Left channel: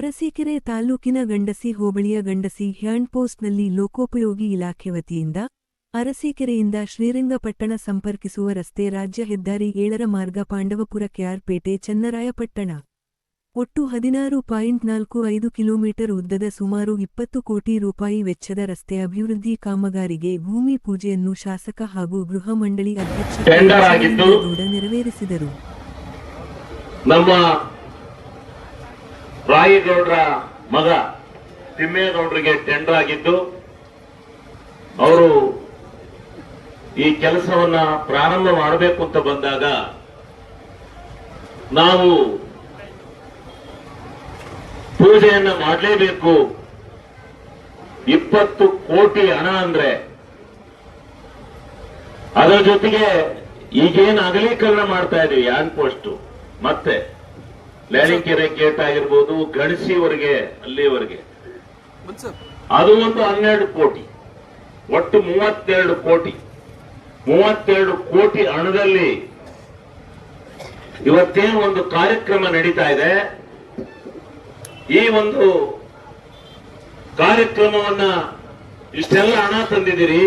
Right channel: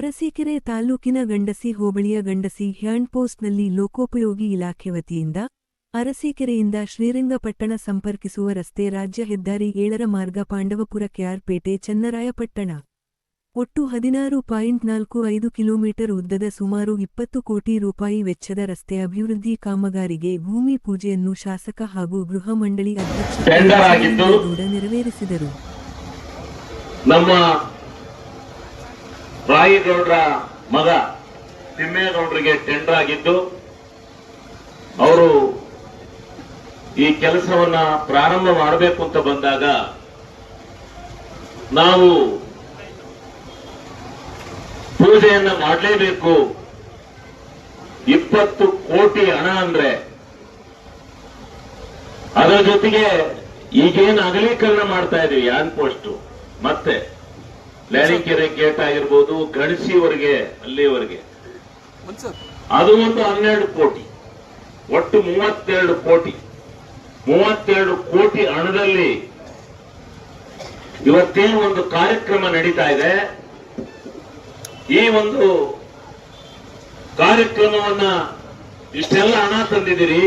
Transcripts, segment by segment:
ಅರಸೀಕೆರೆ ತಾಲೂಕಿನ ಗಂಡಸಿ ಹೋಬಳಿಯ ಗಂಡಸಿ ಹ್ಯಾಂಡ್ಪೋಸ್ಟ್ನಲ್ಲಿ ಲೋಕೋಪಯೋಗಿ ಇಲಾಖೆ ವತಿಯಿಂದ ಅರಸೀಕೆರೆಯಿಂದ ಶ್ರೀರಂಗಪಟ್ಟಣ ಸಂಪರ್ಕಿಸುವ ರಸ್ತೆ ರಾಜ್ಯ ಹೆದ್ದಾರಿ 7ರ ಮಾರ್ಗ ಪಾಂಡವಪುರ ಕೆಆರ್ಪೇಟೆ ಚನ್ನರಾಯಪಟ್ಟಣ ಒಟ್ಟು 16.45 ಕಿಲೋಮೀಟರ್ ಉದ್ದದ ಸುಮಾರು 20 ಕೋಟಿ ರೂಪಾಯಿ ವೆಚ್ಚದ ರಸ್ತೆ ಅಭಿವೃದ್ಧಿ ಕಾಮಗಾರಿಗೆ ಭೂಮಿ ಪೂಜೆಯನ್ನು ಶಾಸಕ ಹಾಗೂ ಗೃಹ ಮಂಡಳಿ ಅಧ್ಯಕ್ಷ ಗೌಡ ನೆರವೇರಿಸಿದರು. ನಮ್ಮ ರಾಯಗೌಡರ ಮಗ ತಿಮ್ಮೇಗೌಡರಿಗೆ ಟೆಂಡರ್ ಆಗಿದ್ದು ಅವರು ಈ ಕೆಲಸವನ್ನ ಪ್ರಾರಂಭ ಮಾಡಬೇಕು ಅಂತ ಬಂದಾಗ ನಾವು ಪೂಜೆಯನ್ನ ಮಾಡಲೇಬೇಕು. 20 ಕೋಟಿ ಹಣ ಅಂದ್ರೆ ಅದರ ಜೊತೆಗೆ ಈಗೇನು ಅಗಲೀಕರಣ ಮಾಡ್ತಾ ಇದೀವಿ ಆನ್ ಪೋಸ್ಟ್ ಮತ್ತೆ ಲ್ಯಾಣಿಕೆರೆ ಗೇಟ್ ಆಗಿರ್ಬೋದು ಗಣಸಿವರೆಗೆ ಅಲ್ಲಿವರೆಗೆ ಅದು ಒಂದು 12 ಕೋಟಿ ಒಟ್ಟು 32 ಕೋಟಿ ಹಣದಲ್ಲಿ ಇವತ್ತೇನು ಒಂದು ಕಾರ್ಯಕ್ರಮ ನಡೀತಾ ಇದೆ. ಈ ಒಂದು ಕಾರ್ಯಕ್ರಮವನ್ನ ಇಷ್ಟೆಲ್ಲ ಹಣ ತಂದಿದ್ದೀರಿ,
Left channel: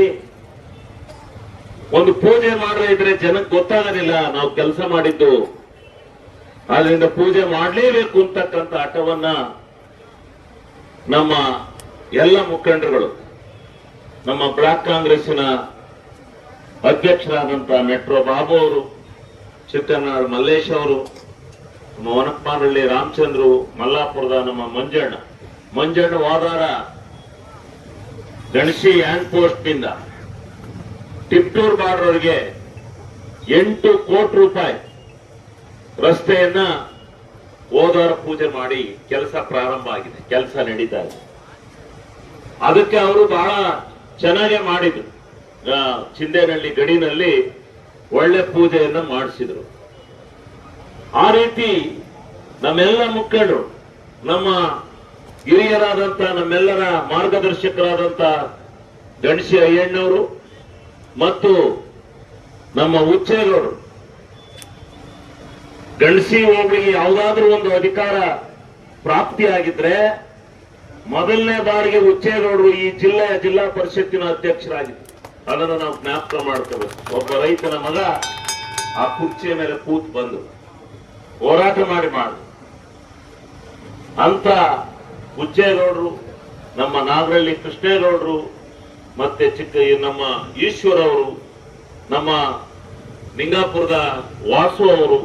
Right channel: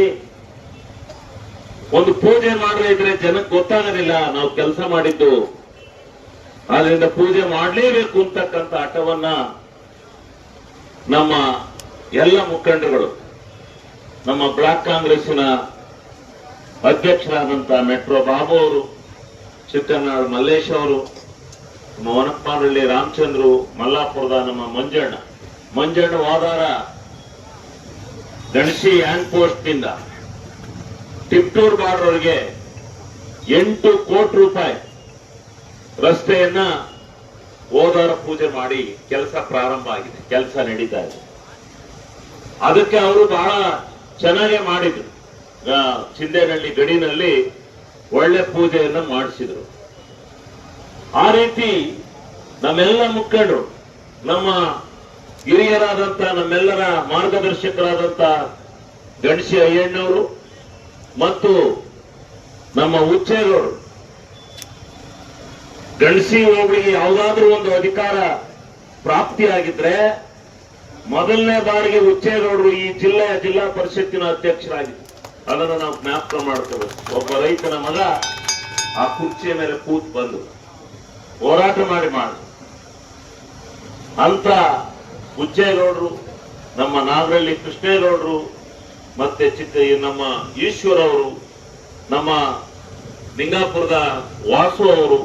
ಒಂದು ಪೂಜೆ ಮಾಡದೇ ಇದ್ರೆ ಜನಕ್ಕೆ ಗೊತ್ತಾಗೋದಿಲ್ಲ ನಾವು ಕೆಲಸ ಮಾಡಿದ್ದು. ಆದ್ರಿಂದ ಪೂಜೆ ಮಾಡಲೇಬೇಕು ಅಂತಕ್ಕಂಥ ಹಠವನ್ನ ನಮ್ಮ ಎಲ್ಲ ಮುಖಂಡರುಗಳು, ನಮ್ಮ ಬ್ಲಾಕ್ ಕಾಂಗ್ರೆಸ್ಸಿನ ಅಧ್ಯಕ್ಷರಾದಂತ ಮೆಟ್ರೋ ಬಾಬು ಅವರು, ಚಿಕ್ಕನಾಡು ಮಲ್ಲೇಶ್ ಅವರು, ನಮ್ಮ ವನಪ್ಪನಹಳ್ಳಿ ರಾಮಚಂದ್ರು, ಮಲ್ಲಾಪುರದ ನಮ್ಮ ಮಂಜಣ್ಣ ವಾದಾರ ಗಣಸಿ ಹ್ಯಾಂಡ್ ಪೋಸ್ಟ್ ನಿಂದ ಟಿಪ್ಟೂರ್ ಬಾರ್ಡರ್ಗೆ 8 ಕೋಟಿ ರೂಪಾಯಿ ರಸ್ತೆಯನ್ನ ಹೋದಾರ ಪೂಜೆ ಮಾಡಿ ಕೆಲಸ ಪ್ರಾರಂಭ ಆಗಿದೆ, ಕೆಲಸ ನಡೀತಾ ಇದೆ. ಅದಕ್ಕೆ ಅವರು ಬಹಳ ಚೆನ್ನಾಗೇ ಮಾಡಿದ್ರು. ಚಿಂದೇನಹಳ್ಳಿ ಗಡಿನಲ್ಲಿ ಒಳ್ಳೆ ಪೂಜೆಯನ್ನ ಮಾಡಿಸಿದ್ರು. ಆ ರೀತಿ ನಮ್ಮೆಲ್ಲ ಮುಖಂಡರು, ನಮ್ಮ ಹಿರಿಯರಾದಂತ ನಮ್ಮೆಲ್ಲರ ಮಾರ್ಗದರ್ಶಕರಾದಂತ ಗಣಸಿ ಅಯ್ಯಣ್ಣವರು ಮತ್ತು ನಮ್ಮ ಹುಚ್ಚೇಗೌಡರು, ಗಣಸಿ ಹೋಬಳಿಗೆ ಯಾವುದಾದ್ರೂ ಒಂದು ಅಧಿಕಾರ ಪ್ರಾಪ್ತಿಯಾಗಿದ್ರೆ ಮೊದಲನೇ ಬಾರಿಗೆ ಹುಚ್ಚೇಗೌಡರು ಈ ಜಿಲ್ಲಾ ಪರಿಷತ್ತಿನ ಅಧ್ಯಕ್ಷರಾಗಿದ್ರು. ಅದನ್ನು ನಾವು ಜ್ಞಾಪಕ ಮಾಡ್ಕೋಬೇಕು. ಒಬ್ಬ ರೈತನ ಮಗ ಆ ಕುರ್ಚಿಯ ಮೇಲೆ ಕೂತ್ ಬಂದು ಹೋರಾಟ ಮಾಡಿ ಅಂತ ಹುಚ್ಚೇಗೌಡರು, ನಮ್ಮ ನಾಗರಳ್ಳಿ ಕೃಷ್ಣೇಗೌಡರು, ಮತ್ತೆ ನಮ್ಮ ಈಶ್ವರ ಅವರು, ನಮ್ಮ ಲಿಂಗಾಪುರದ ವಾಸು ಅವರು,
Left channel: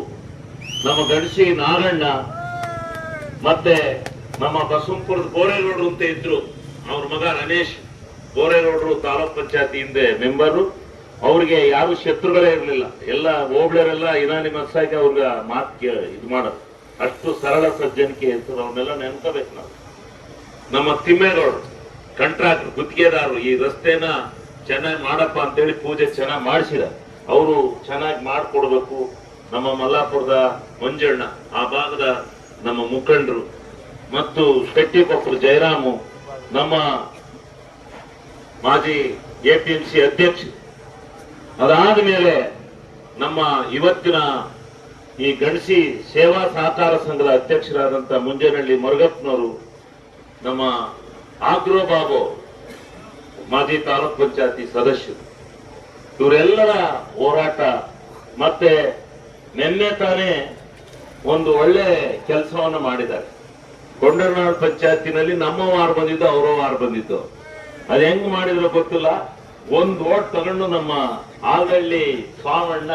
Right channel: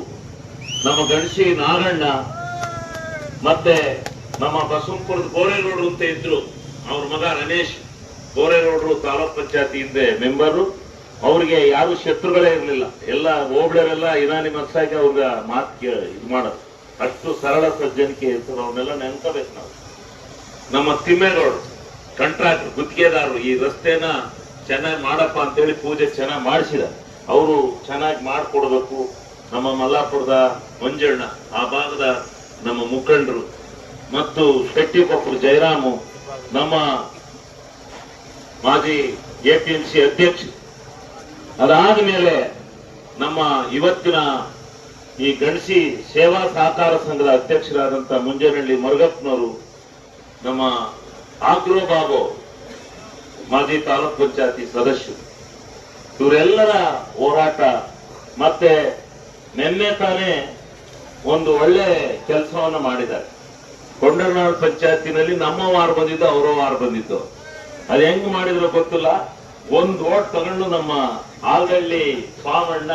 ನಮ್ಮ ಗಣಸಿ ನಾಗಣ್ಣ, ಮತ್ತೆ ನಮ್ಮ ಬಸವಪುರದ ಬೋರೇಗೌಡರು ಅಂತ ಇದ್ರು, ಅವ್ರ ಮಗ ರಮೇಶ್ ಬೋರೇಗೌಡರು ತಾಲೂಕ್ ಪಂಚಾಯತಿ ಹಿಂದೆ ಮೆಂಬರು. ಅವ್ರಿಗೆ ಯಾರು ಶತ್ರುಗಳೇ ಇರಲಿಲ್ಲ, ಎಲ್ಲ ಹೋಬಳರೆಲ್ಲ ಇನಾನಿಮಸ್ ಆಗಿ ಅವ್ರ ಮಾತು ಇದು ಮಾಡೋದು. ಅಷ್ಟು ಸರಳ ಸಜ್ಜನಿಕೆ ಇರ್ತದೆ, ಅವ್ರನ್ನೆಲ್ಲ ನೆನ್ಕೋಬೇಕು ನಾವು. ನಮ್ಮ ತಿಮ್ಮೇಗೌಡರು ಕಾಂಟ್ರಾಕ್ಟರ್, ಗುತ್ತಿಗೆದಾರರು, ಈ ರಸ್ತೆನ ಚೆನ್ನಾಗಿ ಮಾಡಪ್ಪ ಅಂತೇಳಿ ಪೂಜೆ ಚೆನ್ನಾಗಿ ಮಾಡಿಸಿದ. ಅವರು ಚೆನ್ನಾಗಿ ಮಾಡಿಕೊಡ್ಬೇಕು. ನಮ್ಮ ಮಲ್ಲಾಪುರದ ಮಂಜಣ್ಣ, ಆ ಭಾಗದ ನಮ್ಮ ಮುಖಂಡರು ಮತ್ತು ಶೆಟ್ಟಿಕೊಪ್ಪರು ಜಯರಾಮು, ನಮ್ಮ ಮಾಜಿ APMC ಅಧ್ಯಕ್ಷರು. ಅದಾದ ಮೇಲೆ ನಮ್ಮ ಇವತ್ತಿನ ಈ ಗಣಸಿ ಸೇವಾ ಸಹಕಾರ ಸಂಘದ ಅಧ್ಯಕ್ಷರಾದಂತ ಮುಂಜೇನಹಳ್ಳಿ ಮುರುಗಪ್ಪನವರು, ನಮ್ಮ ಆಗ್ರೋ ಬಾಬು ಮಾಜಿ ತಾಲೂಕ್ ಪಂಚಾಯತಿ ಸದಸ್ಯರು, ಇವರೆಲ್ಲರ ಹೋರಾಟ. ಮತ್ತೆ ನಿನ್ನೆ ತಾನೇ ಒಂದು ಒಳ್ಳೆ ಕೆಲಸವನ್ನು ಮಾಡಿದ್ದಾರೆ. ಕೊಂಡರನಾಡು ಪಂಚಾಯತಿನಲ್ಲಿ ನಮ್ಮ ವಾರ ಬಂದಿದ್ದು, ಅವರ ವಾರ ಬಂದಿದ್ದು. ಅದು ಹೆಂಗ್ ಮಾಡಿದ್ರು ಗೊತ್ತಿಲ್ಲ. ಒಂದು ಓಟ್ ತಗೊಂಡು ನಮ್ಮ ಆಲ್ಗಳ್ಳಿ ಸ್ವಾಮಣ್ಣ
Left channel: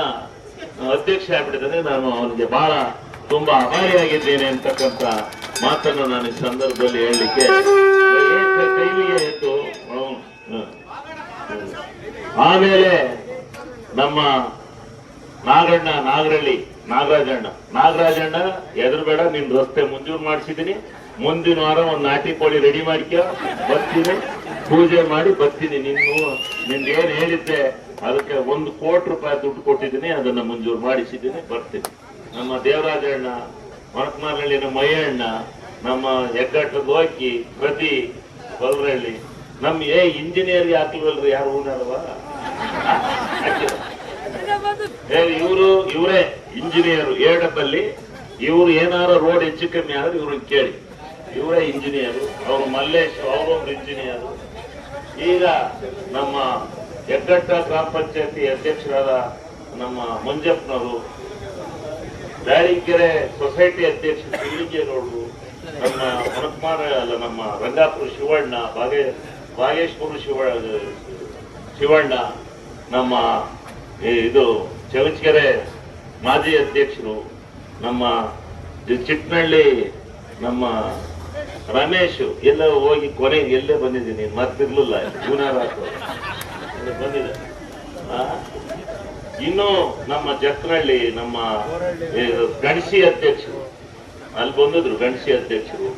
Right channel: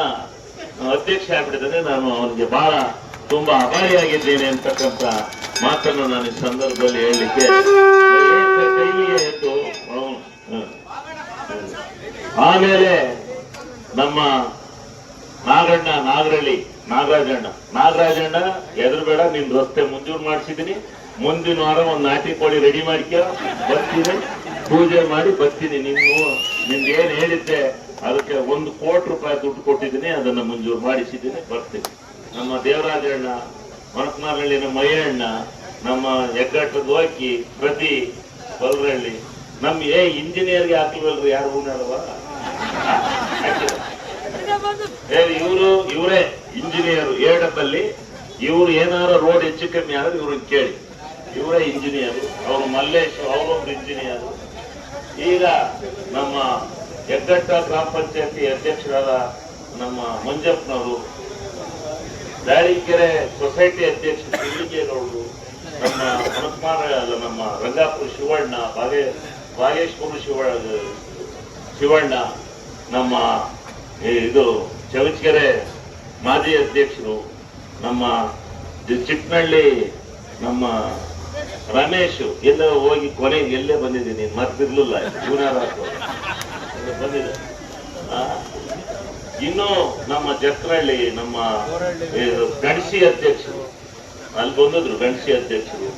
ಅಧ್ಯಕ್ಷ ಆಗ್ಬಿಟ್ಟಿದ್ದಾನೆ. ನಾನು ಅವನಿಗೆ ಬಹಳ ತುಂಬಾ ಆಭಾರಿಯಾಗಿದ್ದೇನೆ ಅಂತಕ್ಕಂಥ ಮಾತನ್ನು ನಾನು ಈ ಸಂದರ್ಭದಲ್ಲಿ ಹೇಳಲಿಕ್ಕೆ ಕೈಲಿಗೆ ಇತ್ತು. ಆಮೇಲೆ ನಮ್ಮ ನಾಗರಳ್ಳಿ ನಾಗರಾಜಣ್ಣ ಎದುರುಬೇಡ, ನಿಮ್ ರಸ್ತೆ ಮುಂಜೂರು ಮಾಡಿಸಿದೀನಿ, ಮುಂದಿನ ವಾರ ಒಂದು ನಾಟಿ ಕೋಳಿ ರೆಡಿ ಮಾಡಿಕೊ, ಬರ್ತೀನಿ, ಪೂಜೆ ಮಾಡಿ ಬರ್ತೀನಿ. ನಿಮ್ಗೆ ಏನ್ ಹೇಳಿದ್ದೆ ಅದಕ್ಕೆ 1 ಕೋಟಿ ರೂಪಾಯಿ ದುಡ್ಡು ಕೊಟ್ಟಿದ್ದೀನಿ, ಅದನ್ನ ಮಂಜೂರು ಮಾಡಿಸಿದ್ದೀನಿ, ಬರ್ತೀನಿ. ನಮ್ಮ ದೇವರಾಜಣ್ಣ, ಮಣಕನಹಳ್ಳಿನ ಮಯ್ಯಣ್ಣ, ನಮ್ಮ ಹೆಗ್ಗಟ್ಟದ ಹೋಗಿ ಪ್ರತಿ ಬಲ್ರಳ್ಳಿ, ನಮ್ ಇಂಜಿನಿಯರ್ಗೆ ಹಾಕಿಲ್ವಲ್ರಿ ಯಾರು ಹೂನಲ್ವಾ? ಇವರೇ ಇಂಜಿನಿಯರ್ ಏಡಪ್ಪಲ್ಲಿ. ಇವ್ರು ಏನಾರ ರೋಡ್ ಹೆಚ್ಚು ಕಮ್ಮಿ ಆದ್ರೆ ಇವ್ರನ್ನ ಕೇಳಿ. ಇವರೇ ಇಂಜಿನಿಯರು, ಅವರು ಮಲ್ಲೇಶ್ ಅವರೊಂದು ಇಂಜಿನಿಯರು. ಈಗ ನಮ್ಮ ಹೆಗ್ಗಟ್ಟ ಗ್ರಾಮ ಪಂಚಾಯತಿ ಅಧ್ಯಕ್ಷರಾದ ನಮ್ಮ ಮಂಜಪ್ಪನವರು, ದಾಳಿಕೆರೆ ಸೊಸೈಟಿ ಅಧ್ಯಕ್ಷ ಶಿವಲಿಂಗೇಗೌಡರು, ನಮ್ಮ ಹನುಮಾನ ನಮ್ಮ ರಂಗಾಪುರ ಶಿವಣ್ಣ, ಬಾಗೇಶ್ವರ ಶಿವಣ್ಣ, ನಮ್ಮ ಇದು ಚವಚಕೆರೆ ಮಾಜಿ ಅಧ್ಯಕ್ಷರು, ನಮ್ಮ ಚಿಕ್ಕನಹಳ್ಳಿ ನಮ್ಮ ರಮೇಶ್ ಎಲ್ಲ ಹೋಗಿ ಕೊನೆಗೆ ಎಲ್ಲೇ ಬಂದಿದ್ದೀನಿ, ಮರ್ತಿರ್ಲಿಲ್ಲ ಬಂದಿದೆ. ಇನ್ನು ನಮ್ಮ ಜಕ್ಕನಹಳ್ಳಿ ನಮ್ಮ ಗಣಸಿ ಅಧ್ಯಕ್ಷರು ಅಲ್ಲಿ ಬಂದಿದ್ರು, ಗಣಸಿ ಅಧ್ಯಕ್ಷರು,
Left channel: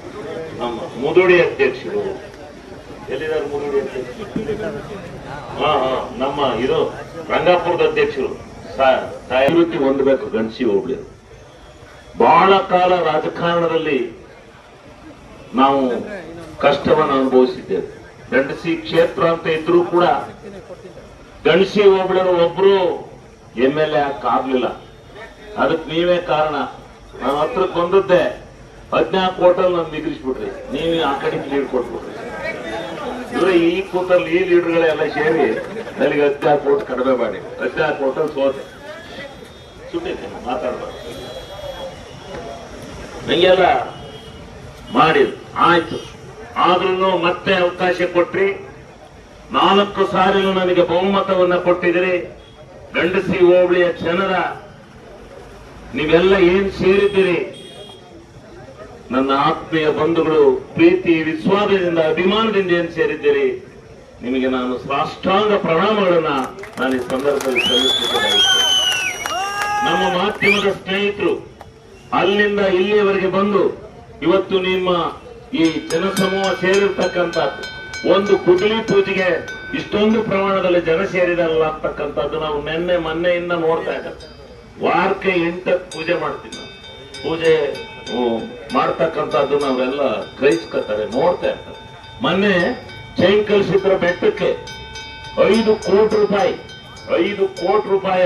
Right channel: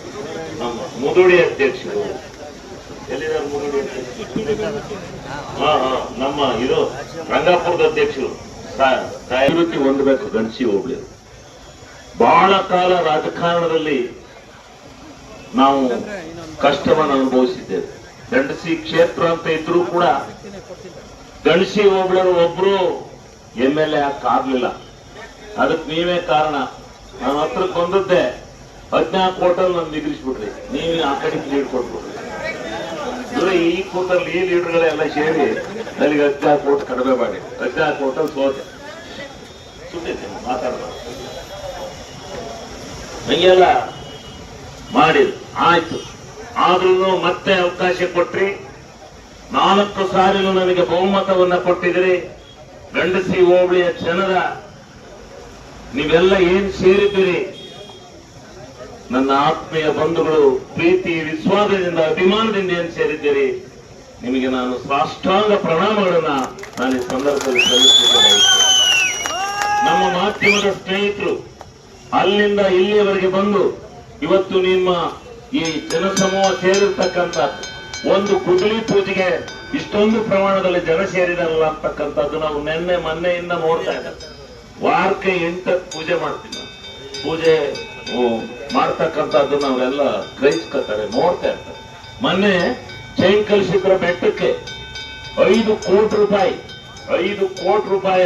ನಮ್ಮ ಮುದುಡಿ ಅಧ್ಯಕ್ಷರು ಎಲ್ಲಿದ್ದಾರೆ, ಮುದುಡಿ ಅಧ್ಯಕ್ಷರು ನಮ್ಮ ಇದು ರಂಗಾಪುರದ ಅಧ್ಯಕ್ಷರು ಅಭಿವೃದ್ಧಿ ಹೊಂದಬೇಕು. ಗಣಸಿ ಹೋಗ್ಲಿ ಬಹಳ ಕಾಲ ರಾಜಕಾರಣದಲ್ಲಿ ನಾವು ಕಷ್ಟವನ್ನು ಅನುಭವಿಸಿದ್ದೇವೆ. ಗಂಡಸಿ ಕ್ಷೇತ್ರ ಅಂತ ಇದ್ರೂ ಕೂಡ ಗಣಸಿ ಹೋಬಳರು ಒಬ್ರು MLA ಆಗ್ಲಿಲ್ಲ. ಅದಕ್ಕೆ ನೀವೇ ಕಾರಣ. ನನ್ನ ಹತ್ರಕ್ಕೆ ಬಂದದ್ದೆ 14 ಕೋಟಲ್ಲಿ ನಾನು ನಿಗರಿಸ್ಬಿಟ್ರಿ, ನೀವು ಆ ಕಡೆಗೆ ಲೀಡ್ ಕೊಟ್ಬಿಟ್ರಿ. ಇವ್ರೆ ಈ ಕೋಟಲ್ಲಿ ಈ ಲೀಡರ್ಗಳೆಲ್ಲ ಸೇರಿ ನನಗೆ 14 ಕೋಟ್ ಕಡಿಮೆ ಮಾಡಿ 14 ಕೋಟಲ್ಲಿ ಸೋತೆ. ಸುಮ್ಮನೆ ಮಾತಾಡ್ಬಾರ್ದು, ಹಂಗೆಲ್ಲ ಮಾಡಿದ್ರು. ಆಯ್ತು, ಆದ್ರೂ ಮತ್ತೆ ಅವಕಾಶ ಕೊಟ್ರಿ. 4 ಸಾರಿನೂ ನನಗೆ ಬಹುಮತವನ್ನ ಕೊಟ್ಟಿದ್ರಿ. ಗಂಡಸಿ ಹೋಬಳಿಯ ಜನರ ನೀವೆಲ್ಲ ಏನ್ ಸೇರಿದ್ದೀರಿ, ನನ್ನ ಆತ್ಮೀಯ ಬಂಧುಗಳು, ಪ್ರೀತಿ ವಿಶ್ವಾಸದಿಂದ ಅಭಿಮಾನದಿಂದ ಏನ್ ಸೇರಿದ್ದೀರಿ, ನಿಮಗೆ ನಾನು ಸಾಷ್ಟಾಂಗ ಪ್ರಣಾಮಗಳನ್ನ ನಾನು ಈ ಸಂದರ್ಭದಲ್ಲಿ ಸಲ್ಲಿಸುತ್ತೇನೆ. ನಮ್ಮ ಮಾಧ್ಯಮದ ಸ್ನೇಹಿತರು ಅಲ್ಲಿಂದ ಇಲ್ಲಿಯವರೆಗೆ ಬಂದು ಇವತ್ತು ನಿಮ್ಮ ಈ ಜನಸಮೂಹ ಸೇರಿರ್ತಕ್ಕಂಥ ಒಂದು ಕುಡ್ಲಿ ಪೂಜೆಗೆ ಇಷ್ಟೊಂದು ಪ್ರಮಾಣದಲ್ಲಿ ಜನ ಸೇರಿದಾರಲ್ಲ ಅಂತಕ್ಕಂಥದ್ದು ನಾವು ಮೊನ್ನೆಯಿಂದ ನೋಡ್ತಾ ಇದ್ದೇವೆ. ವಾರಕ್ಕೆ 8 ಪೂಜೆ ಮಾಡ್ತೀವಿ ನಾವು. ಪೂಜೆ ಮಾಡ್ತಕ್ಕಂಥದ್ದು ನಾವೆಲ್ಲ ಗ್ರಹಿಸ್ಕೊತಾರೆ, ನೋಡ್ತಾ ಇರ್ತಾರೆ. ಮೊನ್ನೆ ಚೈಂಕಲಶಿಖರ ಬೆಟ್ಟಕ್ಕೆ 5 ಕೋಟಿ ರೂಪಾಯಿ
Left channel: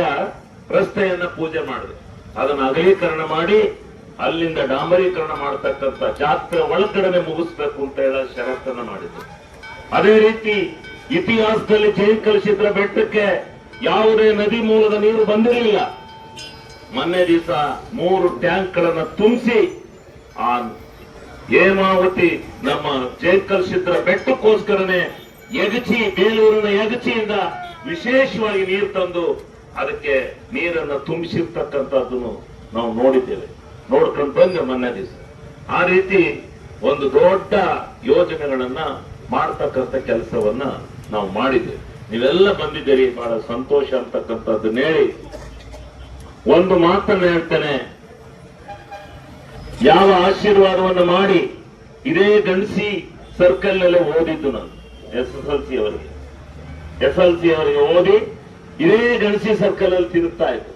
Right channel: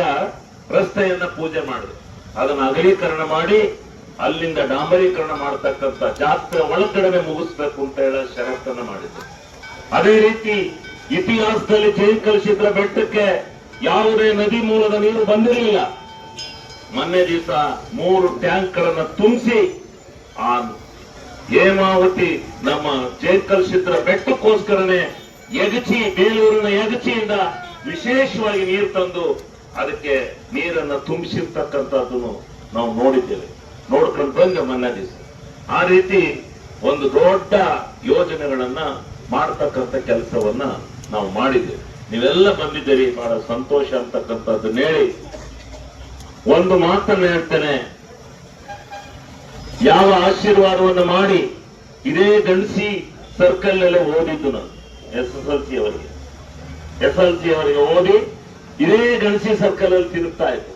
ರಸ್ತೆಯನ್ನ ಪೂಜೆ ಮಾಡಿದ್ರು. ಅದನ್ನು ಅಗಲೀಕರಣ ಮಾಡಿ ಅಲ್ಲಿಂದ ಡಾಂಬರೀಕರಣ ಮಾಡತಕ್ಕಂಥ ಜಾತ್ರೆ ಒಳಗಡೆ ಮುಗಿಸ್ಬೇಕು ಅಂತ ಹೇಳೋ ಷರತ್ತನ್ನ ಮಾಡಿದ್ರು. ಅದೇ ರೀತಿ ಇತಿಹಾಸದಲ್ಲಿ ಚೈಂಕಲಶಿಖರ ಬೆಟ್ಟಕ್ಕೆ ಯಾವುದೇ ನದಿ ಮೂಲದ ನೀರು ಬಂದಿರಲಿಲ್ಲ. ಮೊನ್ನೆ ದಿವಸ 3 ಟ್ಯಾಂಕ್ಗಳನ್ನು ತುಂಬಿಸಿ ಆ ಹೇಮಾವತಿ ನಮ್ಮ ಚೈಂಕಲಶಿಖರ ಬೆಟ್ಟಕ್ಕೋಸ್ಕರನೇ ಬೇಲೂರಿನ ಯಗಚಿಯಿಂದ ವಿಶೇಷವಾಗಿ ನೀರು ತಂದು ಅದಕ್ಕೆ ನೀರನ್ನು ತುಂಬಿಸಿರ್ತಕ್ಕಂಥದ್ದನ್ನು ನಾವು ನೋಡಿದ್ದೇವೆ, ನೋಡ್ಕೊಂಡು ಬಂದೆ ಮೊನ್ನೆ ದಿವಸ. ಆ ರೀತಿ ಒಂದು ದೊಡ್ಡ ಯೋಜನೆಗಳನ್ನ ಮಾಡ್ತಕ್ಕಂಥ ಕೆಲಸವನ್ನ ನಾವು ಮಾಡಿದ್ದೇವೆ. ನೀವೆಲ್ಲ ಬಂದಿದ್ದೀರಿ, ಬಹಳ ಸಂತೋಷ ಅಂತಕ್ಕಂಥದ್ದನ್ನ ಹೇಳಿ ಒಂದು ಮಾತನ್ನ ಹೇಳ್ತೇನೆ. ಯಾವ ಆಶೀರ್ವಾದವನ್ನು ಮಾಡಿ ಇದೇ ಗಣಸಿ ಸರ್ಕಲ್ ನಲ್ಲೇ ಓದಿದ್ದು ನಾನು SSLC ಅವರಿಗೆ ಓದಿ ಇದೇ ಗಣಸಿ ಸರ್ಕಲ್ ಅಲ್ಲಿ ತಿರುಗ್ತಾ ಇತ್ತು.